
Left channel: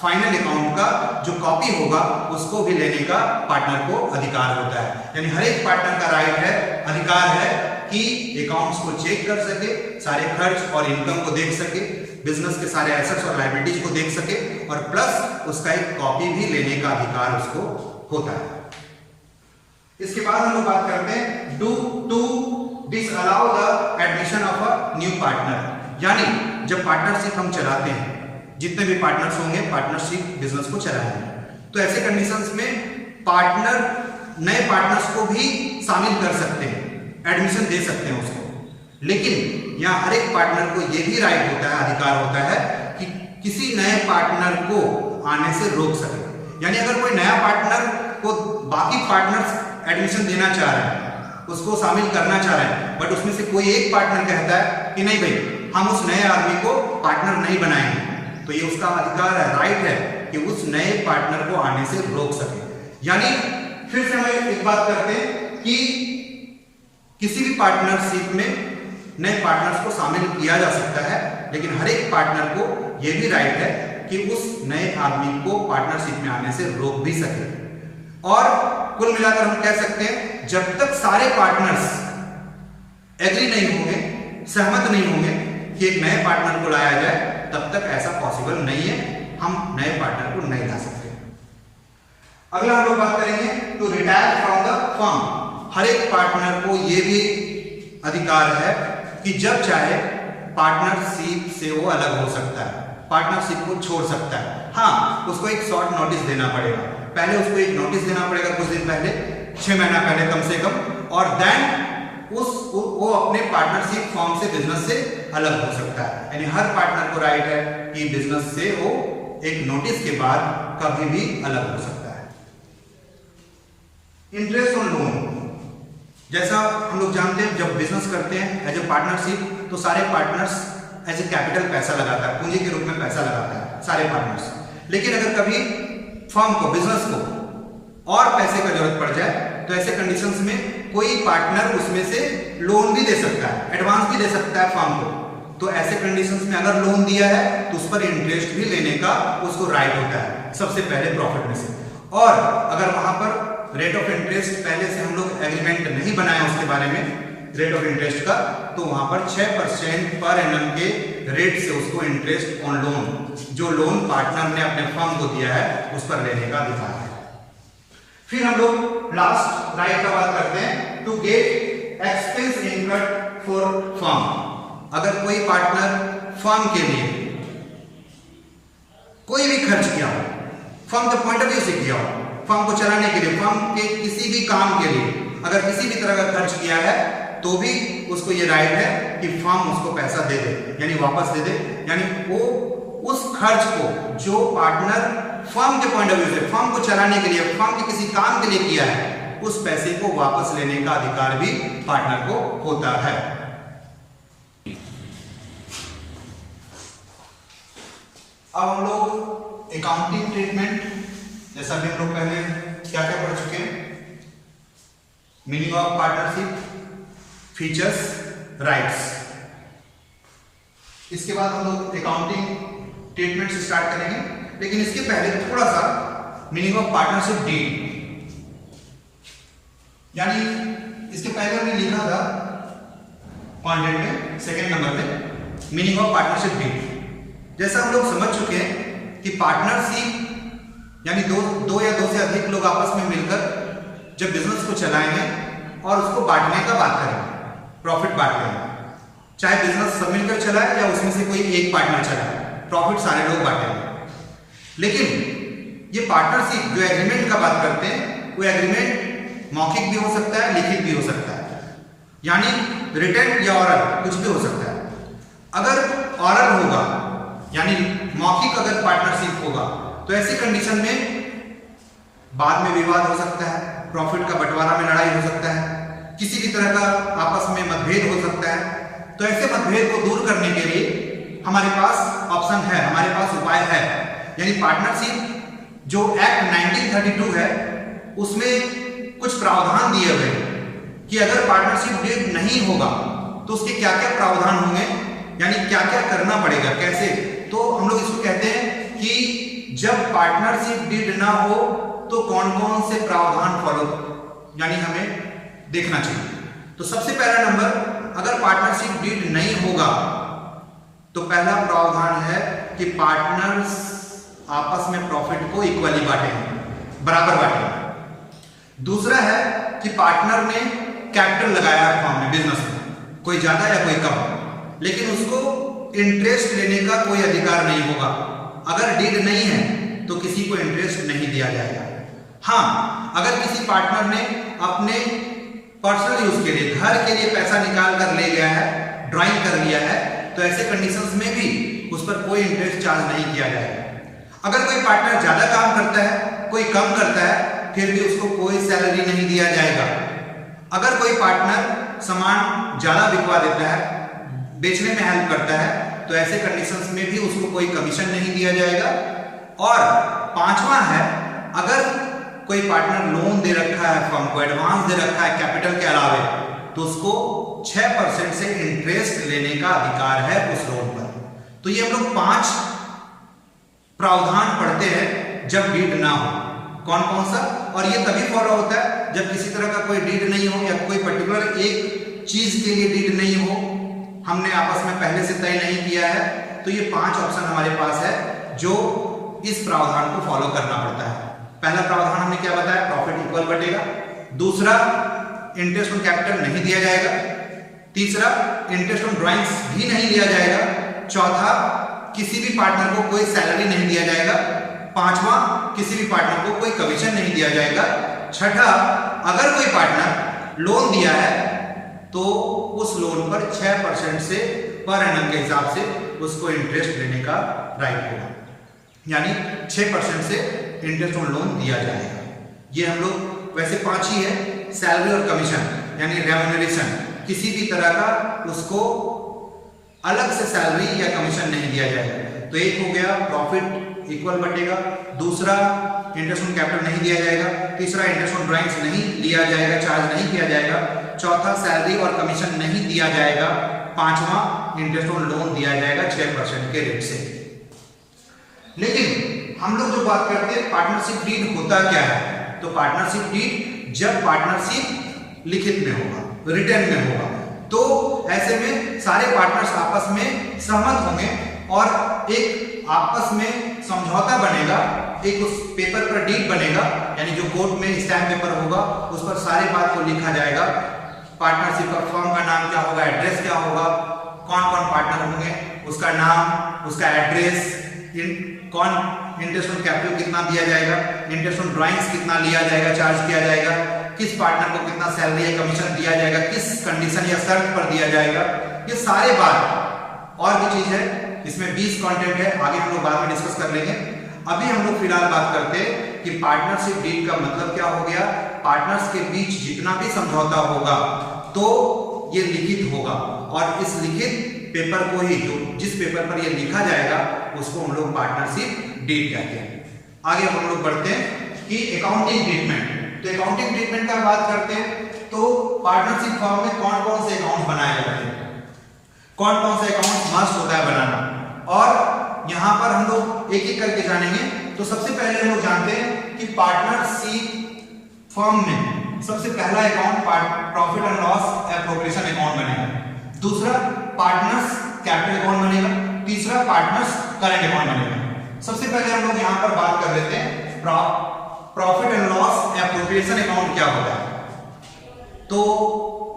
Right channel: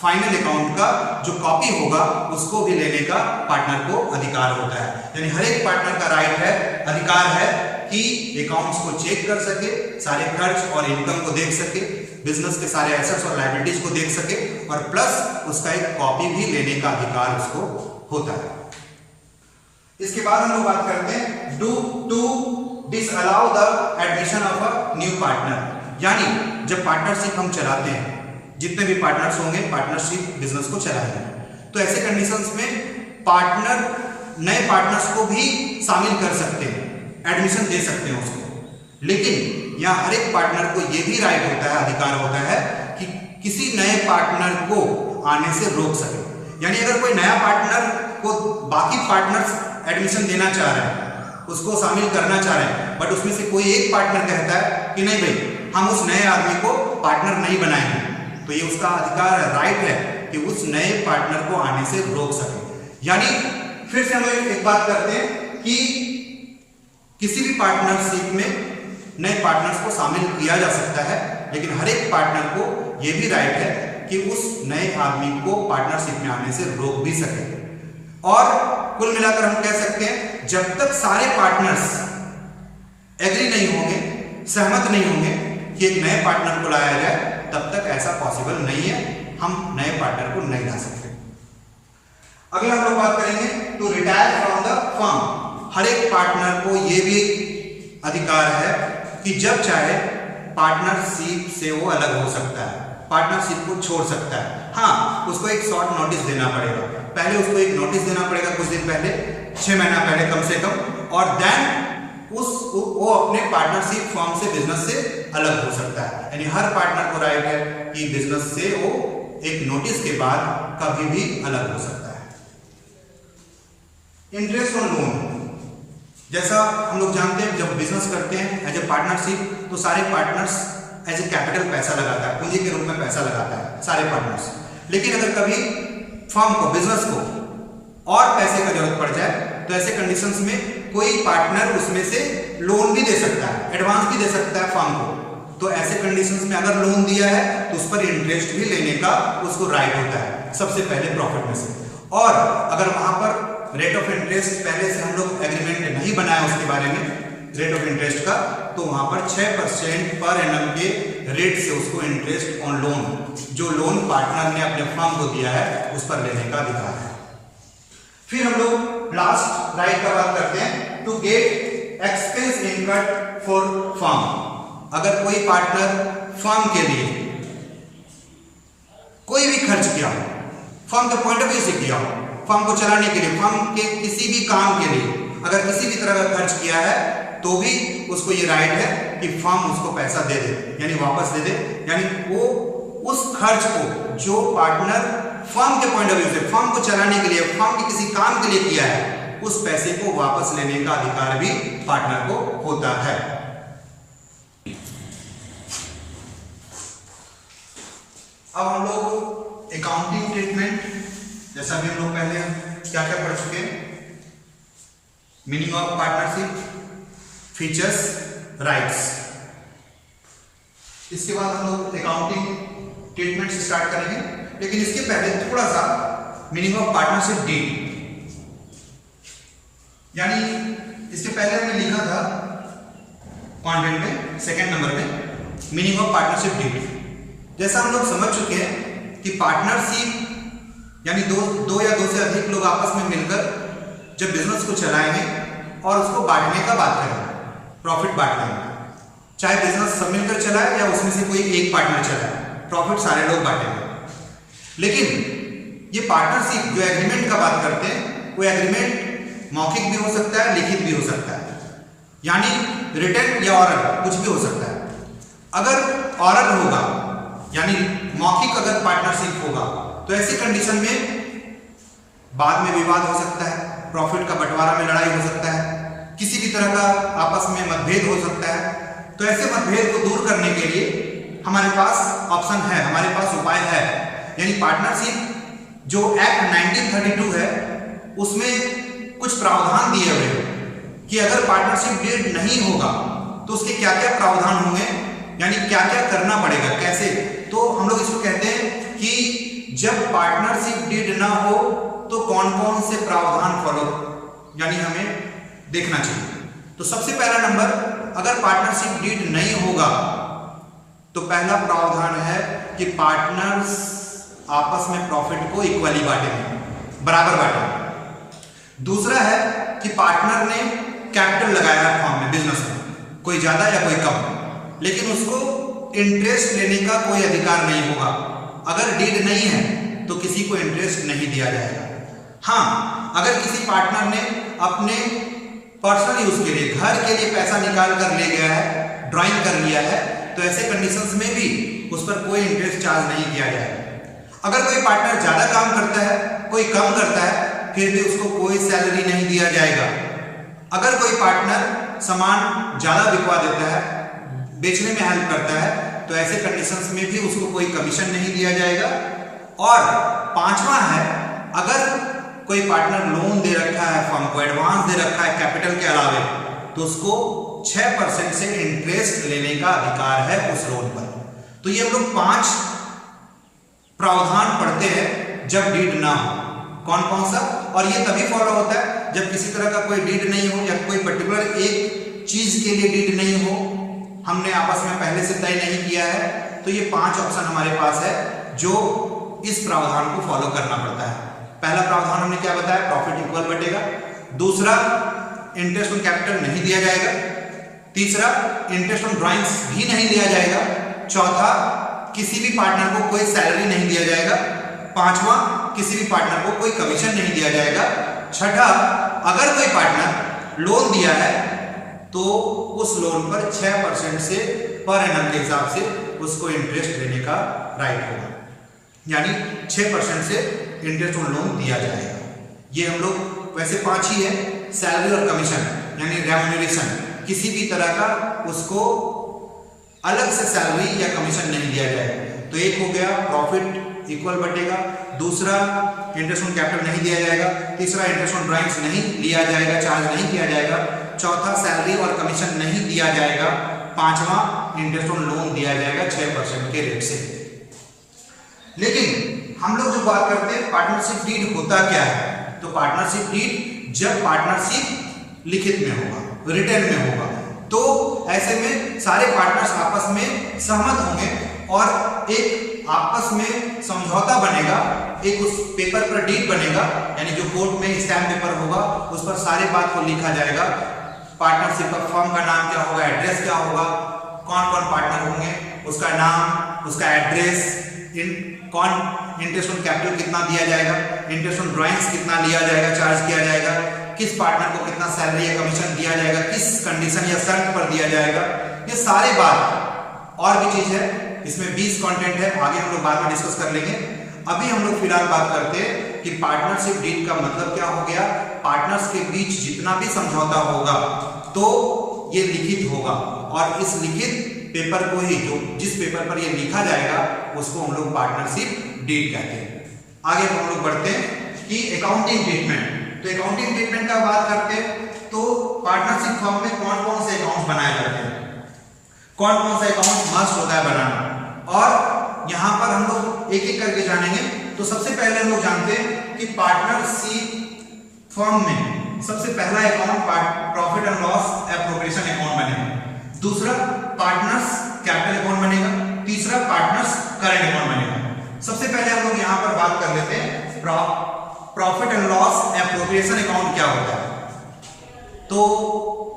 फाइनल अकाउंट का जो कॉपी होगा उसको भी लेने का पार्टनर को अधिकार होता है। यानी हर एक पार्टनर का राइट है, अधिकार है कि अकाउंट्स को चेक कर सके, सारे खर्च और इनकम को देख सके, बिजनेस के सारे एसेट्स और लायबिलिटीज को देख सके, और प्लस उसका एक कॉपी भी लेने का अधिकार उसको होता है। इसके बाद हम लोग बात करते हैं to disallow the admission of a new partner. यानी जब पार्टनरशिप हम चलाते हैं, जितने भी पार्टनर्स होंगे पार्टनरशिप बिजनेस को चलाएंगे, तो ऐसे कंडीशंस में पार्टनर नए पार्टनर्स को भी शामिल कर सकते हैं, एडमिशन दे सकते हैं उसको। लेकिन यहाँ हर एक पार्टनर को यह भी राइट होता है, अधिकार होता है कि किसी नए पार्टनर को आने से रोक सके। यानी अगर कोई नया पार्टनर को बाकी पार्टनर्स एडमिशन देना चाह रहे हैं, उसको शामिल करना चाह रहे हैं, बट उसमें से कोई एक पार्टनर कहता है कि नहीं भाई हम उस नए आदमी को पार्टनर नहीं बनाएंगे, तो ये उसका अधिकार है, राइट है कि उस नए पार्टनर को आने से रोक सके। यानी फिर से हम एक बात करते हैं कि किसी भी पार्टनरशिप में नए पार्टनर्स को शामिल किया जा सकता है, लेकिन हर एक पार्टनर को यह भी राइट है कि उस नए आदमी को पार्टनरशिप में आने से रोक भी सके। और कुल मिलाकर हम कह सकते हैं जब तक सारे पार्टनर्स एग्री नहीं होंगे, सहमत नहीं होंगे कि एक नए पार्टनर को लाया जाए, तब तक ऐसा पॉसिबल नहीं है, हम नए पार्टनर को नहीं ला सकते। अगला हम लोग बात करेंगे to retire from the firm. हर एक पार्टनर को यह भी अधिकार है कि जब चाहे पार्टनरशिप से वो अलग हो सकता है, पार्टनरशिप को छोड़ सकता है। हाँ, उसको एक शॉर्ट नोटिस देना पड़ेगा, पहले उसको एक नोटिस देना पड़ेगा कुछ दिन पहले, 6 महीना पहले कम से कम, और देन वो अपने पार्टनरशिप फर्म से, बिजनेस से अलग हो सकता है। यानी हर पार्टनर को राइट है कि बिजनेस से वो एक नोटिस के बाद कभी भी अलग हो सकता है। इंटरेस्ट ऑन लोन, जैसा हम लोग जानते हैं जब बिजनेस करते हैं एज ए पार्टनरशिप, तो सारे पार्टनर्स एज ए कैपिटल पैसा लगाता है, पूंजी के रूप में पैसा लगाता है सारे पार्टनर्स। लेकिन अगर कभी फर्म को, बिजनेस को और पैसे का जरूरत पड़ जाए, तो ऐसे कंडीशंस में कोई पार्टनर उसमें से लोन भी दे सकता है, एडवांस भी दे सकता है फर्म को। तो ऐसे कंडीशंस में अगर लोन दिया है तो उस पर इंटरेस्ट भी लेने का उसको राइट होता है, सबसे पहले प्रॉफिट में से। और अगर वहां पर रेट ऑफ इंटरेस्ट पहले से हम लोग एग्रीमेंट नहीं बनाए उसके बारे में रेट ऑफ इंटरेस्ट का, तो वहां पर 6% पर एनम के रेट से उसको इंटरेस्ट ऑन लोन, जो लोन पार्टनर ने अपने फर्म को दिया है, उस पर लेने का अधिकार है। फिर हम लोग लास्ट राइट का बात करते हैं to get expense incurred for firm. अगर कोई पार्टनर फर्म के लिए कोई भी खर्च किया हो, फर्म के पॉइंट ऑफ व्यू से किया हो, फर्म को चलाने के लिए, फर्म के किसी भी काम के लिए अगर किसी भी तरह का खर्च किया है, तो भी उसको ये राइट है कि फर्म उसको पैसा दे दे, यानी वापस दे दे। यानी वो उस खर्च को जो पार्टनर फर्म के पॉइंट ऑफ व्यू से, फर्म को चलाने के लिए, फर्म के किसी काम के लिए किया है, उस पैसे को वापस लेने का अधिकार भी पार्टनर को होता है। अब हम लोग अकाउंटिंग ट्रीटमेंट, जैसा भी हम लोग पहले क्या क्या पढ़ चुके हैं, meaning of partnership, features, rights. इसके बाद हम लोग अकाउंटिंग ट्रीटमेंट से स्टार्ट करेंगे, लेकिन इसके पहले थोड़ा सा मीनिंग ऑफ पार्टनरशिप डीड, यानी इसके पहले हमने लिखा था कंटेंट में सेकंड नंबर में मीनिंग ऑफ पार्टनरशिप डीड। जैसा हम लोग समझ चुके हैं कि पार्टनरशिप यानी दो या दो से अधिक लोग आपस में मिलकर जब बिजनेस को चलाएंगे और उसको बांटने का बात करेंगे, प्रॉफिट बांट लेंगे, चाहे बिजनेस सब मिलकर चलाए या उसमें से कोई एक पार्टनर चलाए, प्रॉफिट सारे लोग बांटेंगे। लेकिन ये पार्टनरशिप जो एग्रीमेंट का बात करते हैं, वो एग्रीमेंट मौखिक भी हो सकता है, लिखित भी हो सकता है। यानी रिटन या ऑरल कुछ भी हो सकता है। अगर ऑरल होगा यानी मौखिक अगर पार्टनरशिप होगा तो ऐसी कंडीशन में बाद में विवाद हो सकता है, प्रॉफिट का बंटवारा में लड़ाई हो सकता है, किसी भी तरह का आपस में मतभेद हो सकता है। तो ऐसे मतभेद को दूर करने के लिए हमारे पास ऑप्शन है, हमारे पास उपाय है। यानी पार्टनरशिप जो एक्ट 1932 है उसमें कुछ प्रावधान दिए हुए हैं कि अगर पार्टनरशिप डीड नहीं होगा तो उसके क्या क्या प्रावधान होंगे, यानी क्या क्या करना पड़ेगा, कैसे। तो हम लोग इसको कहते हैं कि जब पार्टनरशिप डीड ना हो तो कौन कौन से प्रावधान फॉलो यानी हमें देखना चाहिए। तो सबसे पहला नंबर, अगर पार्टनरशिप डीड नहीं होगा तो पहला प्रावधान है कि पार्टनर्स आपस में प्रॉफिट को इक्वली बांटेंगे, बराबर बांटेंगे। दूसरा है कि पार्टनर ने कैपिटल लगाया है फर्म में, बिजनेस में, कोई ज्यादा या कोई कम, लेकिन उसको इंटरेस्ट लेने का कोई अधिकार नहीं होगा। अगर डीड नहीं है तो किसी को इंटरेस्ट नहीं दिया जाएगा। हाँ, अगर किसी पार्टनर ने अपने पर्सनल यूज के लिए, घर के लिए पैसा निकाल कर ले गया है, ड्राइंग कर लिया है, तो ऐसे कंडीशंस में भी उस पर कोई इंटरेस्ट चार्ज नहीं किया जाएगा। अगर कोई पार्टनर ज्यादा काम करता है, कोई कम करता है, फिर भी उसको कोई सैलरी नहीं दिया जाएगा। अगर कोई पार्टनर सामान ज्यादा बिकवा देता है, बेचने में हेल्प करता है, तो ऐसे कंडीशंस में भी उसको कोई कमीशन नहीं दिया जाएगा। और पांचवा है, अगर कोई पार्टनर लोन दे रखा है फर्म को, एडवांस दे रखा है कैपिटल के अलावे, तो उसको 6% से इंटरेस्ट लेने का अधिकार है उस लोन पर। तो ये हम लोग 5 प्रावधान पढ़ते हैं जब डीड ना हो। कौन कौन सा? और ये तभी फॉलो होता है जब किसी तरह का कोई डीड नहीं हो या कोई पर्टिकुलर एक चीज के लिए डीड नहीं हो, हमने आपस में पहले से तय नहीं किया है। तो ये 5 ऑप्शन हमारे पास है जो इस प्रावधान को फॉलो करना पड़ता है। पहला प्रावधान हमने क्या बताया, प्रॉफिट इक्वल बटेगा। दूसरा, इंटरेस्ट ऑन कैपिटल नहीं दिया जाएगा। तीसरा, इंटरेस्ट ऑन ड्राइंग्स भी नहीं लिया जाएगा। चौथा, किसी भी पार्टनर को कोई सैलरी नहीं दिया जाएगा। पांचवा, किसी भी पार्टनर को कोई कमीशन नहीं दिया जाएगा। छठा, अगर कोई पार्टनर लोन दिया है तो उस लोन पर 6% से पर एनम के हिसाब से उसको इंटरेस्ट लेने का राइट होगा, यानी 6% से इंटरेस्ट ऑन लोन दिया जाएगा। ये हम लोग वैसे 5 ही है। सैलरी और कमीशन यानी रेम्यूनरेशन, किसी भी तरह का उसको अलग से सैलरी या कमीशन नहीं दिया जाएगा। तो एक हो गया प्रॉफिट इक्वल बटेगा। दूसरा, इंटरेस्ट ऑन कैपिटल नहीं दिया जाएगा। तीसरा, इंटरेस्ट ऑन ड्राइंग्स नहीं लिया जाएगा, चार्ज नहीं किया जाएगा। चौथा, सैलरी और कमीशन नहीं दिया जाएगा। पांचवा, इंटरेस्ट ऑन लोन दिया जाएगा 6% के रेट से। लेकिन हम लोग जो बात करते हैं पार्टनरशिप डीड होता क्या है, तो पार्टनरशिप डीड जब पार्टनरशिप लिखित में होगा, रिटन में होगा, तो ऐसे में सारे पार्टनर्स आपस में सहमत होंगे और एक आपस में समझौता बनेगा, एक उस पेपर पर डीड बनेगा, यानी जो कोर्ट में स्टैम्प पेपर होगा उस पर सारे बात को लिखा जाएगा। पार्टनरशिप का फर्म का नाम क्या होगा, एड्रेस क्या होगा, कौन कौन पार्टनर होंगे, उसका नाम, उसका एड्रेस, कौन इंटरेस्ट ऑन कैपिटल कितना दिया जाएगा, इंटरेस्ट ऑन ड्राइंग्स कितना लिया जाएगा, चार्ज किया जाएगा, किस पार्टनर को कितना सैलरी या कमीशन दिया जाएगा, किस कंडीशन या शर्त पर दिया जाएगा, ये सारे बात। और भी चीज है इसमें 20 कंटेंट है, आगे हम लोग बाद में डिस्कस कर लेंगे। अभी हम लोग फिलहाल बात करते हैं कि पार्टनरशिप डीड का मतलब क्या हो गया। पार्टनर्स के बीच जितना भी समझौता होगा तो ये लिखित होगा, और इस लिखित पेपर को ही, जो जिस पेपर पर ये लिखा जाएगा उसको हम लोग पार्टनरशिप डीड कहते हैं। आगे हम लोग बढ़ते हैं कि अकाउंटिंग ट्रीटमेंट। तो अकाउंटिंग ट्रीटमेंट का बात करते हैं तो पार्टनरशिप फर्म में कौन कौन से अकाउंट बनाए जाते हैं, कौन कौन सा अकाउंट मस्ट होता है बनाना, और यहाँ पर हम लोग एक एक करके जानेंगे। तो सबसे पहले हम लोग जानते हैं कि पार्टनरशिप फर्म में सबसे पहला account profit and loss appropriation account बनेगा। दूसरा, पार्टनर्स कैपिटल अकाउंट बनेगा। तीसरा, पार्टनर्स करंट अकाउंट बनेगा। सबसे पहले हम लोग यहाँ पर बात कर लेते हैं profit and loss appropriation account क्या होता है। तो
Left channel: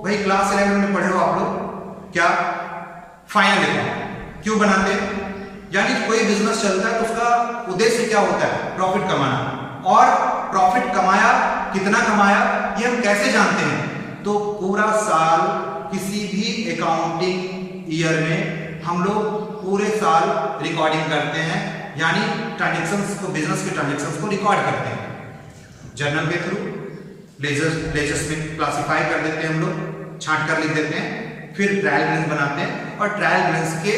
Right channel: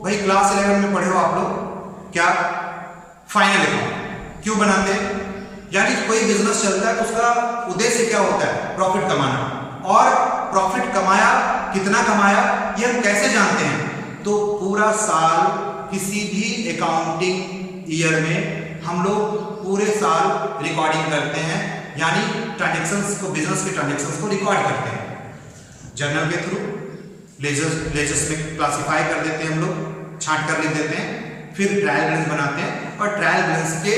भाई क्लास 11 में पढ़े हो आप लोग क्या, फाइनल अकाउंट क्यों बनाते हैं, यानी कोई बिजनेस चलता है तो उसका उद्देश्य क्या होता है, प्रॉफिट कमाना। और प्रॉफिट कमाया, कितना कमाया, ये हम कैसे जानते हैं, तो पूरा साल किसी भी अकाउंटिंग ईयर में हम लोग पूरे साल रिकॉर्डिंग करते हैं, यानी ट्रांजैक्शंस को, बिजनेस के ट्रांजैक्शंस को रिकॉर्ड करते हैं जर्नल के थ्रू। लेजर्स में क्लासिफाई कर देते हैं हम लोग, छांट कर लिख देते हैं, फिर ट्रायल बैलेंस बनाते हैं और ट्रायल बैलेंस के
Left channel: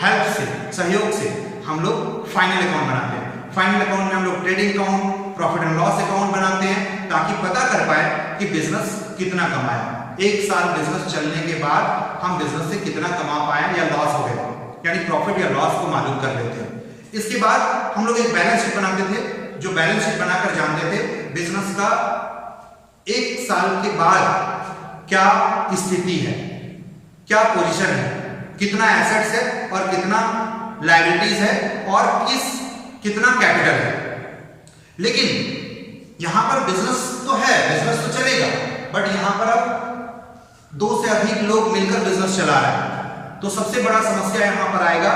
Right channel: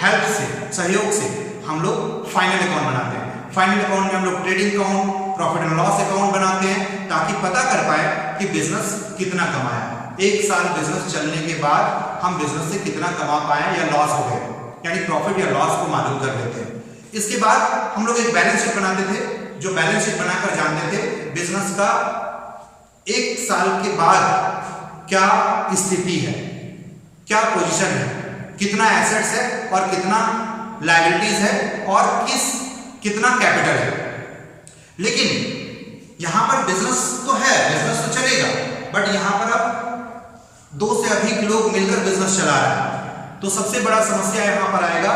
हेल्प से, सहयोग से हम लोग फाइनल अकाउंट बनाते हैं। फाइनल अकाउंट में हम लोग trading account, profit and loss account बनाते हैं ताकि पता कर पाए कि बिजनेस कितना कमाया। एक साल बिजनेस चलने के बाद हम बिजनेस से कितना कमा पाए या लॉस हो गए, यानी प्रॉफिट या लॉस को मालूम कर लेते हैं। इसके बाद हम लोग एक बैलेंस शीट बनाते थे, जो बैलेंस शीट बनाकर जानते थे बिजनेस का एक साल के बाद क्या स्थिति है, क्या पोजीशन है, कितना एसेट्स है और कितना लायबिलिटीज है और कितना कैपिटल है। लेकिन यहां पर बिजनेस तो है, बिजनेस तो चलेगा, बट यहां पर अब 2 से अधिक लोग मिलकर बिजनेस चला रहे हैं, तो सबसे बड़ा समस्या यहां पर आएगा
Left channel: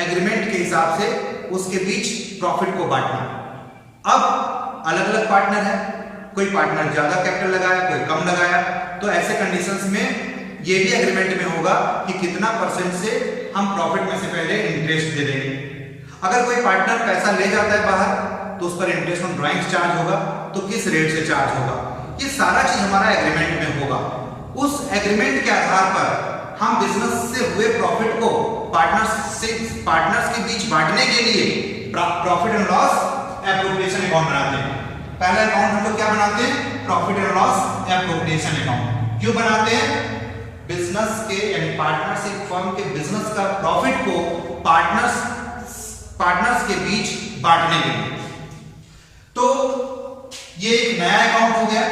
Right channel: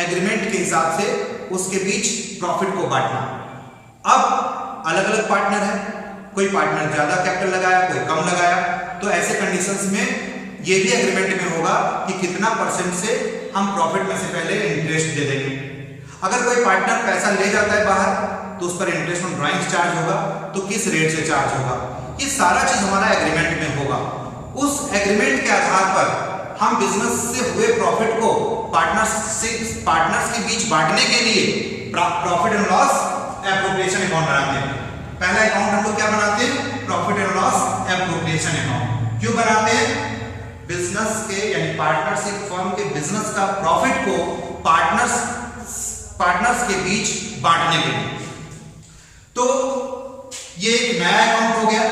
एग्रीमेंट के हिसाब से उसके बीच प्रॉफिट को बांटना। अब अलग अलग पार्टनर है, कोई पार्टनर ज्यादा कैपिटल लगाया, कोई कम लगाया, तो ऐसे कंडीशंस में ये भी एग्रीमेंट में होगा कि कितना % से हम प्रॉफिट में से पहले इंटरेस्ट दे देंगे। अगर कोई पार्टनर पैसा ले जाता है बाहर तो उस पर इंटरेस्ट ऑन ड्राइंग्स चार्ज होगा, तो किस रेट से चार्ज होगा, ये सारा चीज हमारा एग्रीमेंट में होगा। उस एग्रीमेंट के आधार पर हम बिजनेस से हुए प्रॉफिट को पार्टनर्स के बीच बांटने के लिए profit and loss appropriation account बनाते हैं। पहला अकाउंट हम लोग क्या बनाते हैं, profit and loss appropriation account. क्यों बनाते हैं, बिजनेस के यानी पार्टनरशिप फर्म के बिजनेस का प्रॉफिट को पार्टनर्स के बीच बांटने के लिए। तो ये एक नया अकाउंट हो गया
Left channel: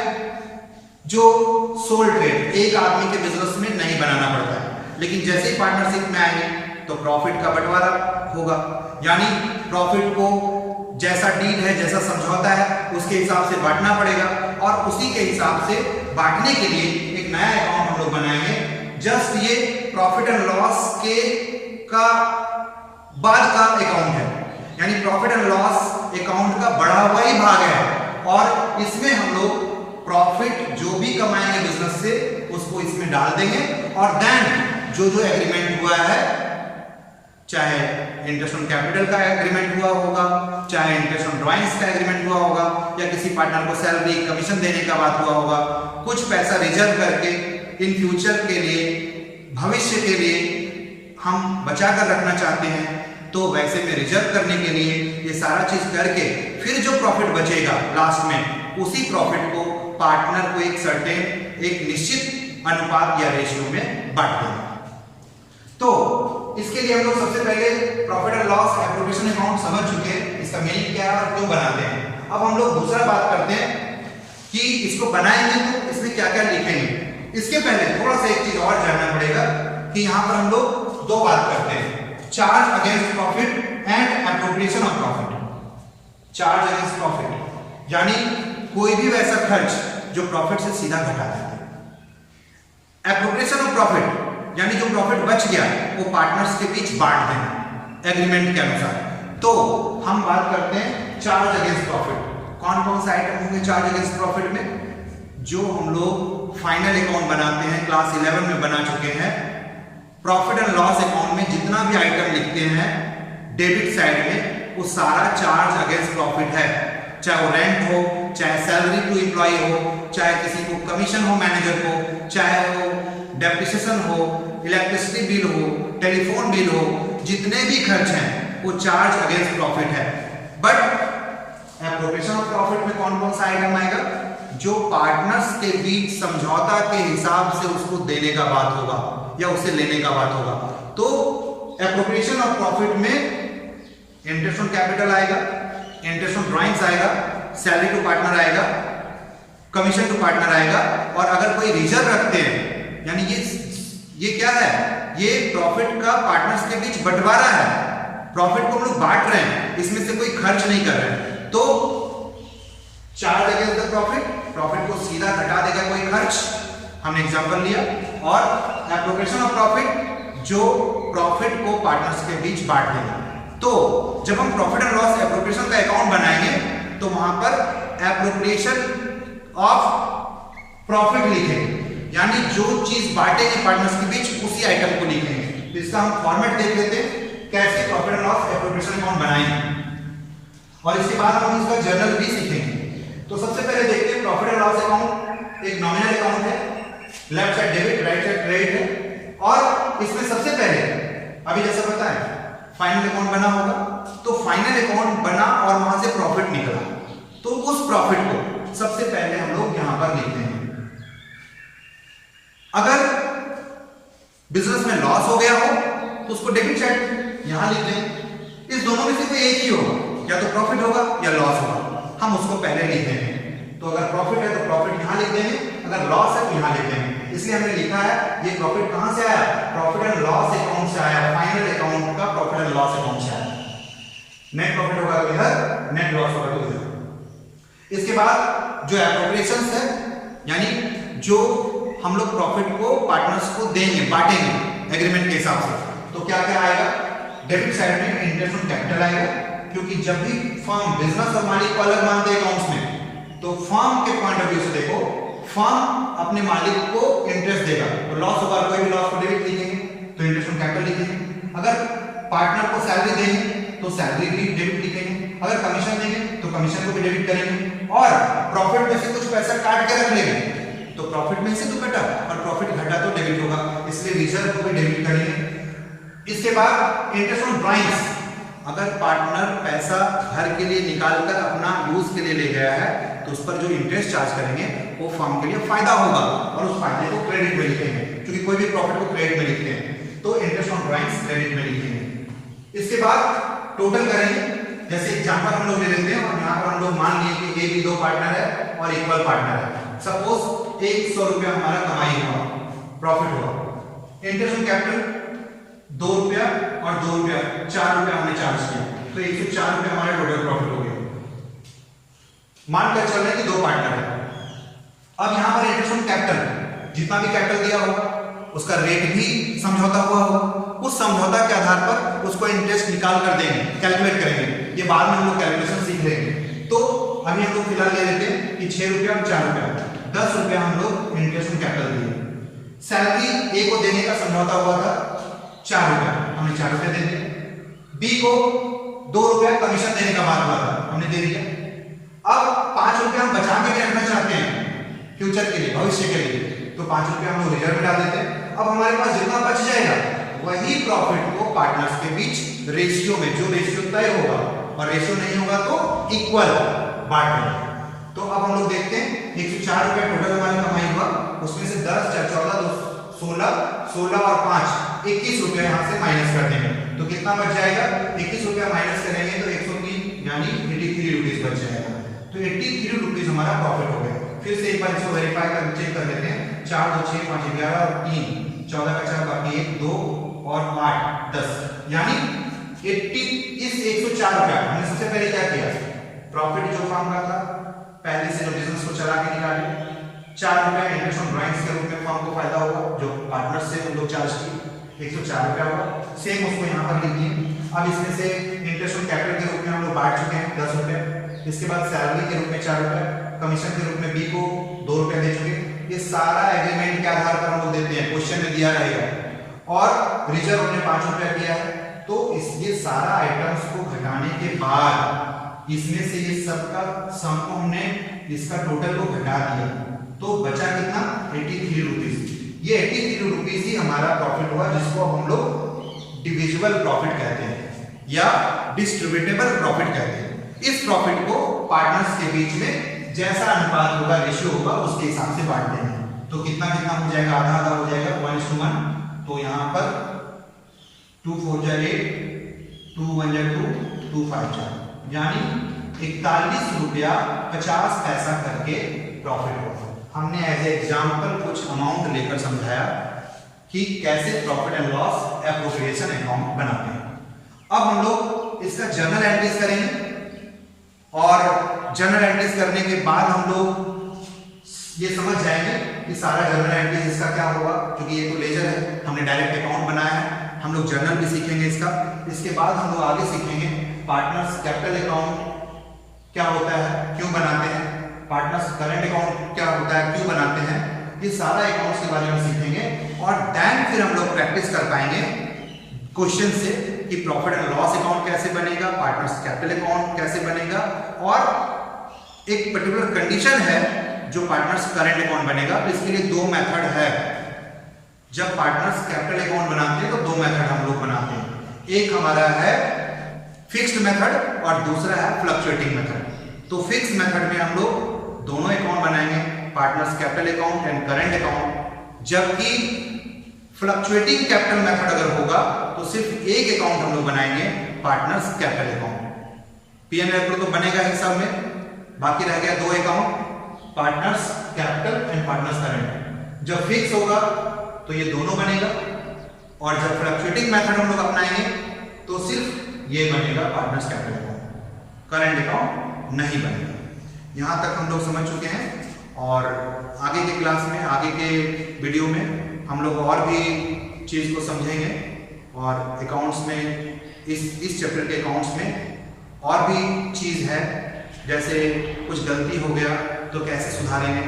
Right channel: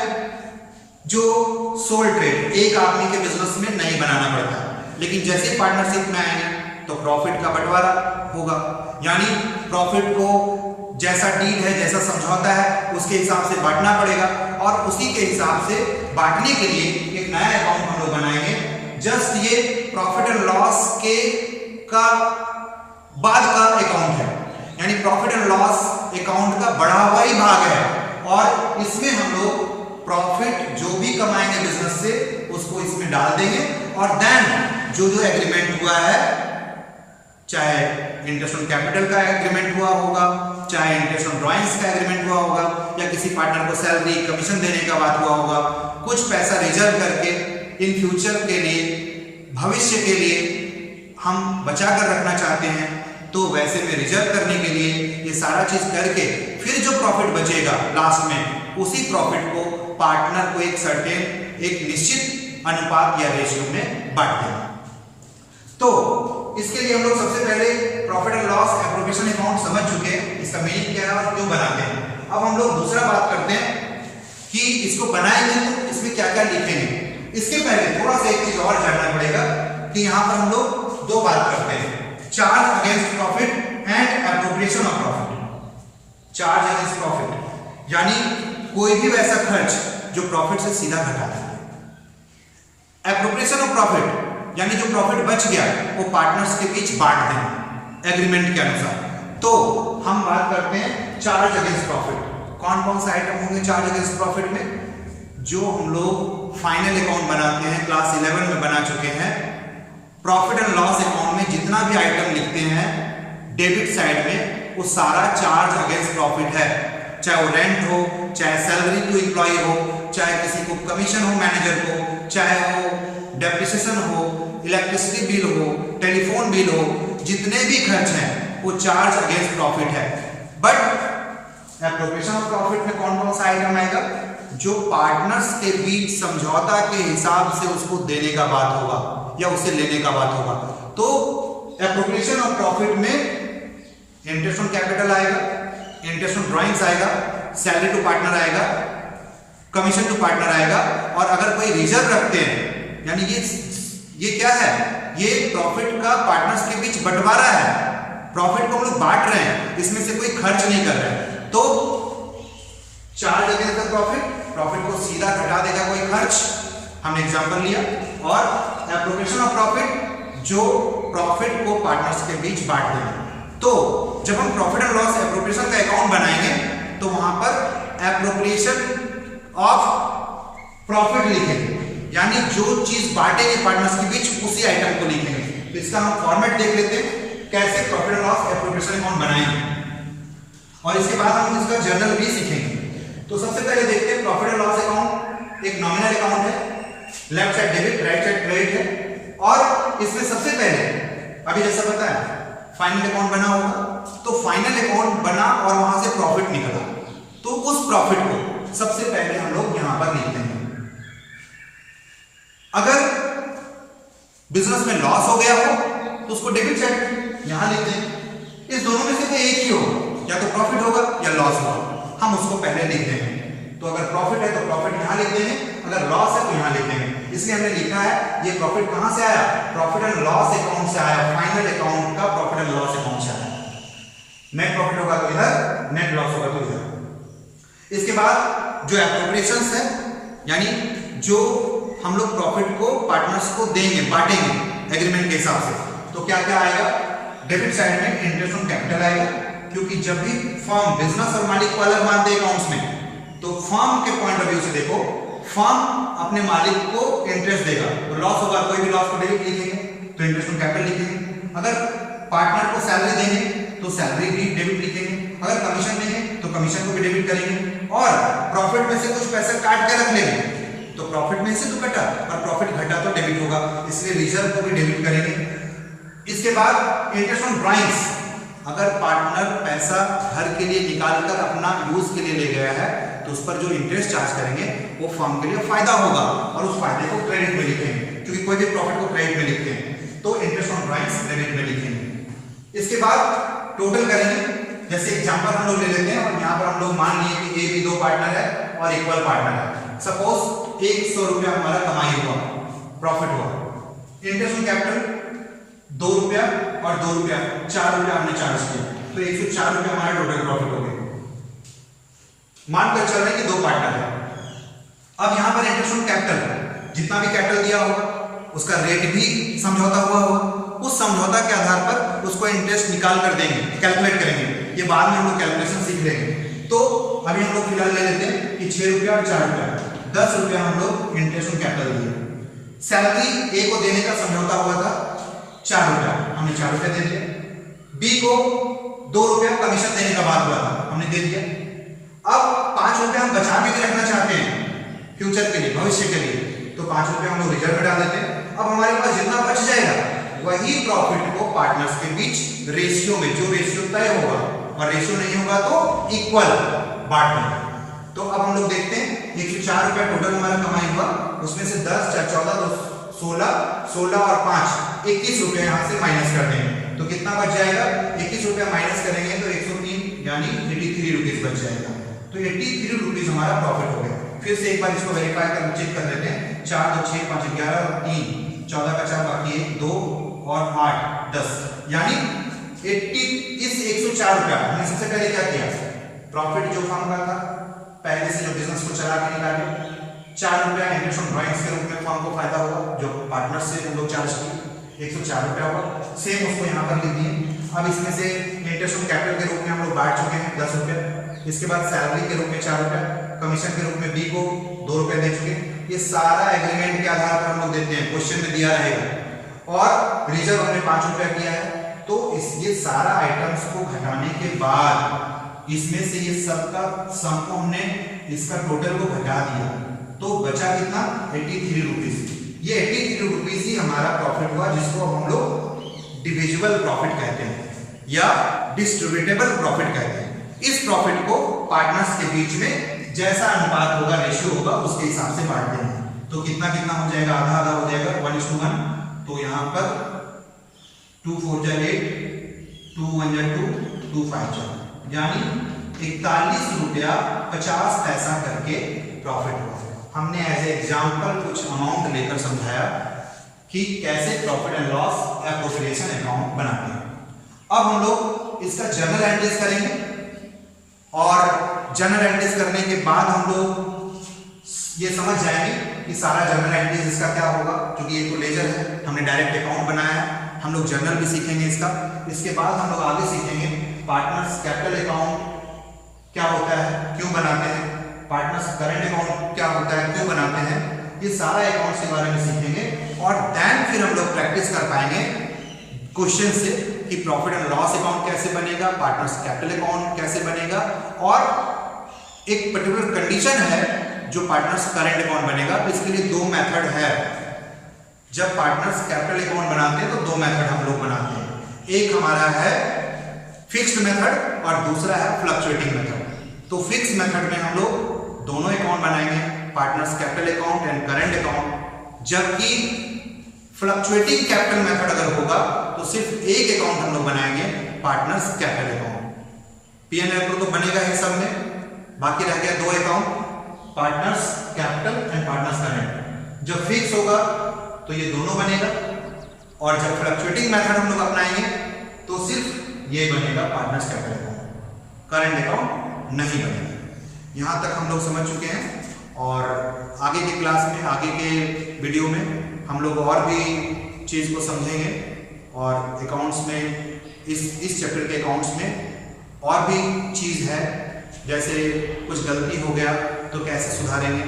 जो सोल ट्रेड, एक आदमी के बिजनेस में नहीं बनाना पड़ता है। लेकिन जैसे ही पार्टनरशिप में आएंगे तो प्रॉफिट का बंटवारा होगा, यानी प्रॉफिट को जैसा डील है, जैसा समझौता है, उसके हिसाब से बांटना पड़ेगा और उसी के हिसाब से बांटने के लिए एक नया अकाउंट हम लोग बनाएंगे। जस्ट ये प्रॉफिट एंड लॉस के का बाद का अकाउंट है, यानी प्रॉफिट एंड लॉस अकाउंट का बढ़ा हुआ ही भाग है और इसमें हम लोग प्रॉफिट जो भी कमाएंगे बिजनेस से उसको इसमें डाल देंगे और देन जो एग्रीमेंट हुआ है, चाहे इंटरेस्ट ऑन कैपिटल का एग्रीमेंट हुआ होगा, चाहे इंटरेस्ट ऑन ड्राइंग्स का एग्रीमेंट हुआ होगा, या किसी पार्टनर को सैलरी कमीशन देने का बात हुआ होगा, कुछ पैसा रिजर्व करके इन फ्यूचर के लिए, भविष्य के लिए हम बचा कर रखना चाहते हैं, तो वैसे में रिजर्व करने के लिए ये सारा चीज करके फिर जो प्रॉफिट बचेगा लास्ट में, उसी प्रॉफिट को पार्टनर को एक निश्चित अनुपात या रेशियो में बांट देंगे। तो इसके लिए हम लोग सबसे पहले profit and loss appropriation account समझ चुके हैं, इसका मीनिंग क्या है और क्यों बनाते हैं। अब हम लोग दूसरा बात करते हैं कि इसको बनाएंगे तो इसमें क्या क्या लिखेंगे। इसके पहले थोड़ा सा एक चीज और जानना पड़ेगा कि यहाँ पर हम लोग 2 बात करते हैं, charge against profit and appropriation of profit. Charge against profit यानी कोई भी वैसा खर्च जो प्रॉफिट से सीधा घटा देते हैं। एप्रोप्रिएशन ऑफ प्रॉफिट यानी जो प्रॉफिट बच गया वो पार्टनर्स के बीच बांट देना एग्रीमेंट के अनुसार। तो हम बात करते हैं चार्ज अगेंस्ट प्रॉफिट। कौन कौन से आइटम होंगे चार्ज अगेंस्ट प्रॉफिट में, जो हम लोग फाइनल अकाउंट बनाते हैं, क्लास 11 में बना चुके हैं। प्रॉफिट एंड लॉस अकाउंट में जितना भी आइटम लिखते हैं डेबिट साइड में, वो सारा चार्ज अगेंस्ट प्रॉफिट है, चाहे वो रेंट हो, चाहे सैलरी टू एम्प्लॉय हो, चाहे किसी को कमीशन हो मैनेजर को, चाहे वो डेप्रिसिएशन हो, इलेक्ट्रिसिटी बिल हो, टेलीफोन बिल हो, जितने भी खर्च हैं वो चार्ज अगेंस्ट प्रॉफिट है। बट एप्रोप्रिएशन ऑफ प्रॉफिट में कौन कौन सा आइटम आएगा, जो पार्टनर्स के बीच समझौता के हिसाब से उसको देने का बात होगा या उसे लेने का बात होगा। तो एप्रोप्रिएशन ऑफ प्रॉफिट में इंटरेस्ट ऑन कैपिटल आएगा, इंटरेस्ट ऑन ड्राइंग्स आएगा, सैलरी टू पार्टनर आएगा, कमीशन टू पार्टनर आएगा, और अगर कोई रिजर्व रखते हैं यानी ये क्या है, ये प्रॉफिट का पार्टनर्स के बीच बंटवारा है, प्रॉफिट को हम लोग बांट रहे हैं, इसमें से कोई खर्च नहीं कर रहे हैं। तो charge against the profit, profit को सीधा घटा देगा कोई खर्च, हमने एग्जांपल लिया। और एप्रोप्रिएशन ऑफ प्रॉफिट, जो प्रॉफिट को पार्टनर्स के बीच बांट देगा। तो जब हम प्रॉफिट एंड लॉस एप्रोप्रिएशन का अकाउंट बनाएंगे तो वहां पर एप्रोप्रिएशन ऑफ प्रॉफिट लिखेंगे, यानी जो चीज बांटेंगे पार्टनर्स के बीच उसी आइटम को लिखेंगे। तो इसका हम फॉर्मेट देख लेते हैं कैसे profit and loss appropriation account बनाएंगे, और इसके बाद हम इसका जर्नल भी सीखेंगे। तो सबसे पहले देखते हैं प्रॉफिट एंड लॉस अकाउंट एक नॉमिनल अकाउंट है, left side debit right side credit है, और इसमें सबसे पहले अभी जैसा बताया फाइनल अकाउंट बना होगा, तो फाइनल अकाउंट बना और वहां से प्रॉफिट निकला, तो उस प्रॉफिट को सबसे पहले हम लोग यहां पर लिखते हैं। अगर बिजनेस में लॉस हो गया हो तो उसको डेबिट साइड यहां लिखते हैं। इस दोनों में से कोई एक ही होगा, या तो प्रॉफिट होगा या लॉस होगा, हम उसको पहले लिख देंगे। तो अगर प्रॉफिट है तो प्रॉफिट यहां लिख देंगे, अगर लॉस है तो यहां लिख देंगे। इसलिए हमने लिखा है ये प्रॉफिट कहां से आया, प्रॉफिट एंड लॉस अकाउंट से आया, फाइनल अकाउंट का प्रॉफिट एंड लॉस अकाउंट से आया। नेट प्रॉफिट होगा तो इधर, नेट लॉस होगा तो इधर। इसके बाद जो एप्रोप्रिएशंस है, यानी जो हम लोग प्रॉफिट को पार्टनर्स को देंगे, बांटेंगे एग्रीमेंट के हिसाब से, तो क्या क्या आएगा, डेबिट साइड में इंटरेस्ट ऑन कैपिटल आएगा, क्योंकि जब भी फर्म बिजनेस और मालिक को अलग मानते हैं अकाउंट्स में, तो फर्म के पॉइंट ऑफ व्यू से देखो, फर्म अपने मालिक को इंटरेस्ट देगा, तो लॉस होगा कोई भी लॉस को डेबिट लिखेंगे, तो इंटरेस्ट ऑन कैपिटल लिखेंगे। अगर पार्टनर को सैलरी देंगे तो सैलरी भी डेबिट लिखेंगे, अगर कमीशन देंगे तो कमीशन को भी डेबिट करेंगे, और प्रॉफिट में से कुछ पैसा काट के रख लेंगे, तो प्रॉफिट में से तो कटा और प्रॉफिट घटा तो डेबिट होगा, इसलिए रिजर्व को भी डेबिट करेंगे। इसके बाद इंटरेस्ट ऑन ड्राइंग्स, अगर पार्टनर पैसा घर के लिए निकालकर अपना यूज के लिए ले गया है तो उस पर जो इंटरेस्ट चार्ज करेंगे वो फर्म के लिए फायदा होगा, और उस फायदे को क्रेडिट में लिखेंगे, क्योंकि कोई भी प्रॉफिट को क्रेडिट में लिखते हैं, तो इंटरेस्ट ऑन ड्राइंग्स क्रेडिट में लिखेंगे। इसके बाद टोटल करेंगे, जैसे एग्जांपल हम लोग ले लेते हैं, और यहाँ पर हम लोग मान लिए कि ए बी दो पार्टनर है और इक्वल पार्टनर है। सपोज 100 रुपया हमारा कमाई हुआ, प्रॉफिट हुआ, इंटरेस्ट ऑन कैपिटल 2 रुपया और 2 रुपया 4 रुपया हमने चार्ज किया, तो 104 रुपया हमारा टोटल प्रॉफिट हो गया। मानकर चल रहे हैं कि दो पार्टनर है। अब यहां पर इंटरेस्ट ऑन कैपिटल, जितना भी कैपिटल दिया होगा उसका रेट भी समझौता हुआ होगा, उस समझौता के आधार पर उसको इंटरेस्ट निकाल कर देंगे, कैलकुलेट करेंगे, ये बाद में हम लोग कैलकुलेशन सीख लेंगे। तो अभी हम लोग फिलहाल ले लेते हैं कि 6 रुपया और 4 रुपया 10 रुपया हम लोग इंटरेस्ट ऑन कैपिटल दिए। सैलरी ए को देने का समझौता हुआ था 4 रुपया, हमने 4 रुपया दे दिया। बी को 2 रुपया कमीशन देने का बात हुआ था, हमने दे दिया। अब 5 रुपया हम बचा के भी रखना चाहते हैं फ्यूचर के लिए, भविष्य के लिए, तो 5 रुपया हम लोग रिजर्व में डाल देते हैं। अब हमारे पास जितना बच जाएगा वही प्रॉफिट को पार्टनर्स के बीच रेशियो में, जो रेशियो तय होगा, और रेशियो नहीं होगा तो इक्वल बांटना। तो अब हम लोग देखते हैं 104 रुपया टोटल हमारा कमाई हुआ, उसमें से 10 4 14 तो 16 और 5 21 रुपया यहाँ से माइनस कर देंगे, तो कितना बच जाएगा, 21 रुपया माइनस करेंगे तो 103 यानी 83 रुपीज बच जाएगा। तो 83 रुपीज हमारा प्रॉफिट हो गया। फिर से एक बार इसको वेरीफाई कर चेक कर लेते हैं। 4 2 6 5 11 और 3 14 का 4 बाकी 1 2 और 8 10, यानी 80 इस 104 रुपया हमने सबसे पहले क्या किया, प्रॉफिट जो फर्म का था पहले से जो बिजनेस को चला के निकाले, 4 रुपया इंटरेस्ट ऑन ड्राइंग्स के रूप में फर्म को फायदा होगा जो पार्टनर से हम लोग चार्ज किए, 104 रुपया हुआ, सेम उसको यहाँ पर लिख दिए। अब इसमें से इंटरेस्ट ऑन कैपिटल के रूप में हम लोग बांट चुके हैं 10 रुपया, इसके बाद सैलरी के रूप में 4 रुपया, कमीशन के रूप में बी को 2 रुपया दे चुके। ये सारा एग्रीमेंट के आधार पर हम लोग देते हैं, क्वेश्चन में दिया रहेगा, और रिजर्व हमने 5 रुपया किया है। तो ये सारा आइटम्स को घटाने के बाद इसमें से ये सबका सम को हमने इसका टोटल को घटा दिया, तो बचा कितना, 83 रुपीज। ये 83 रुपीज ही हमारा प्रॉफिट हुआ, जिसको अब हम लोग डिविजिबल प्रॉफिट कहते हैं या डिस्ट्रीब्यूटेबल प्रॉफिट कहते हैं। इस प्रॉफिट को पार्टनर्स के बीच में जैसा अनुपात होगा, रेशियो होगा, उसके हिसाब से बांट देंगे। तो कितना कितना हो जाएगा, आधा आधा हो जाएगा, 1:1। तो यहाँ पर 2 4 जा 8, 2 1 जा 2, 2 5 जा, यानी 41 रुपया 50 पैसा करके प्रॉफिट हुआ। हमने एज ए एग्जाम्पल कुछ अमाउंट लेकर समझाया कि कैसे profit and loss appropriation account बनाते हैं। अब हम लोग इसका जर्नल एंट्रीज करेंगे, और जर्नल एंट्रीज करने के बाद हम लोग ये समझ जाएंगे कि सारा जर्नल एंट्रीज इसका क्या होगा, क्योंकि ये तो लेजर है, हमने डायरेक्ट अकाउंट बनाया है। हम लोग जर्नल भी सीखेंगे इसका। इसके बाद हम लोग आगे सीखेंगे पार्टनर्स कैपिटल अकाउंट क्या होता है, क्यों बनाते हैं, पार्टनर्स करंट अकाउंट क्या होता है, क्यों बनाते हैं, ये सारा अकाउंट्स के बारे में सीखेंगे और देन फिर हम लोग प्रैक्टिस कर पाएंगे क्वेश्चन से कि प्रॉफिट एंड लॉस अकाउंट कैसे बनेगा, पार्टनर्स कैपिटल अकाउंट कैसे बनेगा, और एक पर्टिकुलर कंडीशन है जो पार्टनर्स करंट अकाउंट बनेगा। तो इसके लिए दो मेथड है। जब पार्टनर्स कैपिटल अकाउंट बनाते हैं तो दो मेथड हम लोग बनाते हैं, एक हमारा है फिक्स्ड मेथड और दूसरा है फ्लक्चुएटिंग मेथड। तो फिक्स्ड मेथड में हम लोग दोनों अकाउंट बनाएंगे, partners capital account and current account. जबकि फ्लक्चुएटिंग कैपिटल मेथड अगर होगा तो सिर्फ एक अकाउंट हम लोग बनाएंगे, पार्टनर्स कैपिटल अकाउंट। P&L तो बनेगा ही सब में, बाकी रह गया दो account, partners capital and partners current. जब फिक्स होगा तो ये दोनों बनेगा, और जब फ्लक्चुएटिंग मेथड हम लोग अपनाएंगे तो सिर्फ ये बनेगा, partners capital account, current account नहीं बनेगा। यहाँ तक हम लोग समझ चुके हैं, और आगे के क्लास में, आगे के वीडियो में हम लोग और भी चीज़ को समझेंगे, और अकाउंट्स में इस चैप्टर के अकाउंट्स में और भी चीज़ है, जैसे कुछ गलती हो गया तो कैसे सुधारेंगे,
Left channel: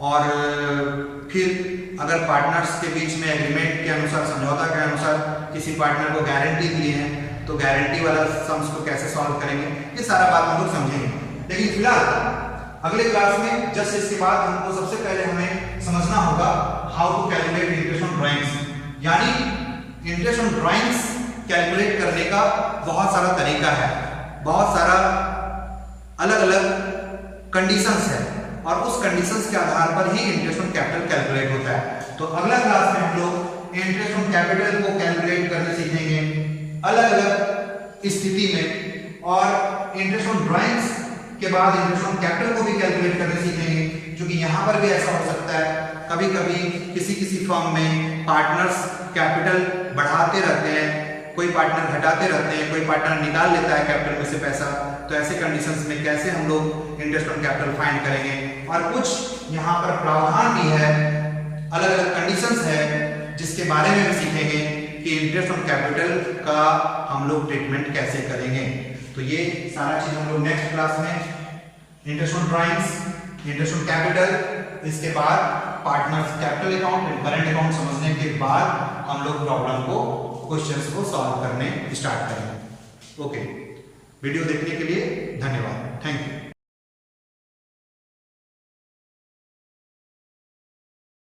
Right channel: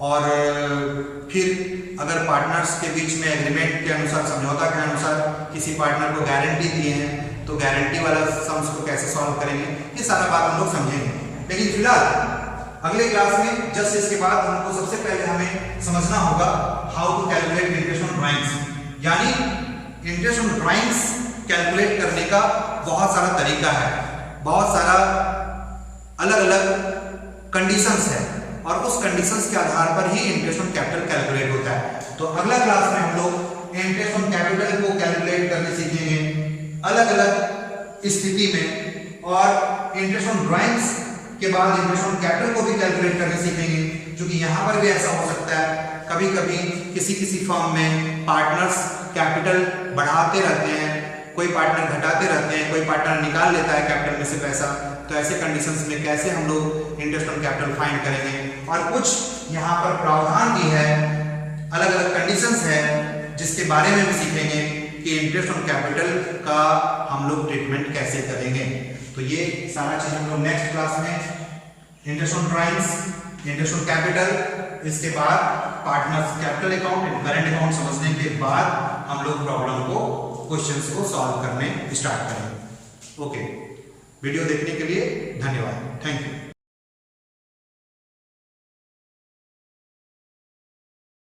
और फिर अगर पार्टनर्स के बीच में एग्रीमेंट के अनुसार, समझौता के अनुसार किसी पार्टनर को गारंटी दिए हैं तो गारंटी वाला सम्स को कैसे सॉल्व करेंगे, ये सारा बात हम लोग समझेंगे। लेकिन फिलहाल अगले क्लास में जस्ट इसके बाद हमको सबसे पहले हमें समझना होगा how to calculate interest on drawings. यानी इंटरेस्ट ऑन ड्राइंग्स कैलकुलेट करने का बहुत सारा तरीका है, बहुत सारा अलग अलग कंडीशंस है, और उस कंडीशंस के आधार पर ही इंटरेस्ट ऑन कैपिटल कैलकुलेट होता है। तो अगला क्लास में हम लोग इंटरेस्ट ऑन कैपिटल को कैलकुलेट करके सीखेंगे अलग अलग स्थिति में, और इंटरेस्ट ऑन ड्राइंग्स के बाद इंटरेस्ट ऑन कैपिटल को भी कैलकुलेट करके सीखेंगे, क्योंकि यहाँ पर भी ऐसा हो सकता है कभी कभी किसी फर्म में पार्टनर्स कैपिटल बढ़ाते रहते हैं, कोई पार्टनर घटाते रहते हैं, कोई पार्टनर निकाल लेता है कैपिटल में से पैसा। तो ऐसे कंडीशंस में कैसे हम लोग इंटरेस्ट ऑन कैपिटल फाइंड करेंगे, और कुछ यहाँ पर प्रावधान भी है, अलग अलग कंडीशंस है जिसके बारे में भी सीखेंगे कि इंटरेस्ट ऑन कैपिटल का हम लोग ट्रीटमेंट कैसे करेंगे। तो ये सारा चीज हम लोग नेक्स्ट क्लास में, interest on drawings, interest on capital, इसके बाद partners capital account and current account समझने के बाद हम लोग प्रॉब्लम को, क्वेश्चंस को सॉल्व करने स्टार्ट करेंगे। ओके, वीडियो देखने के लिए धन्यवाद, थैंक यू।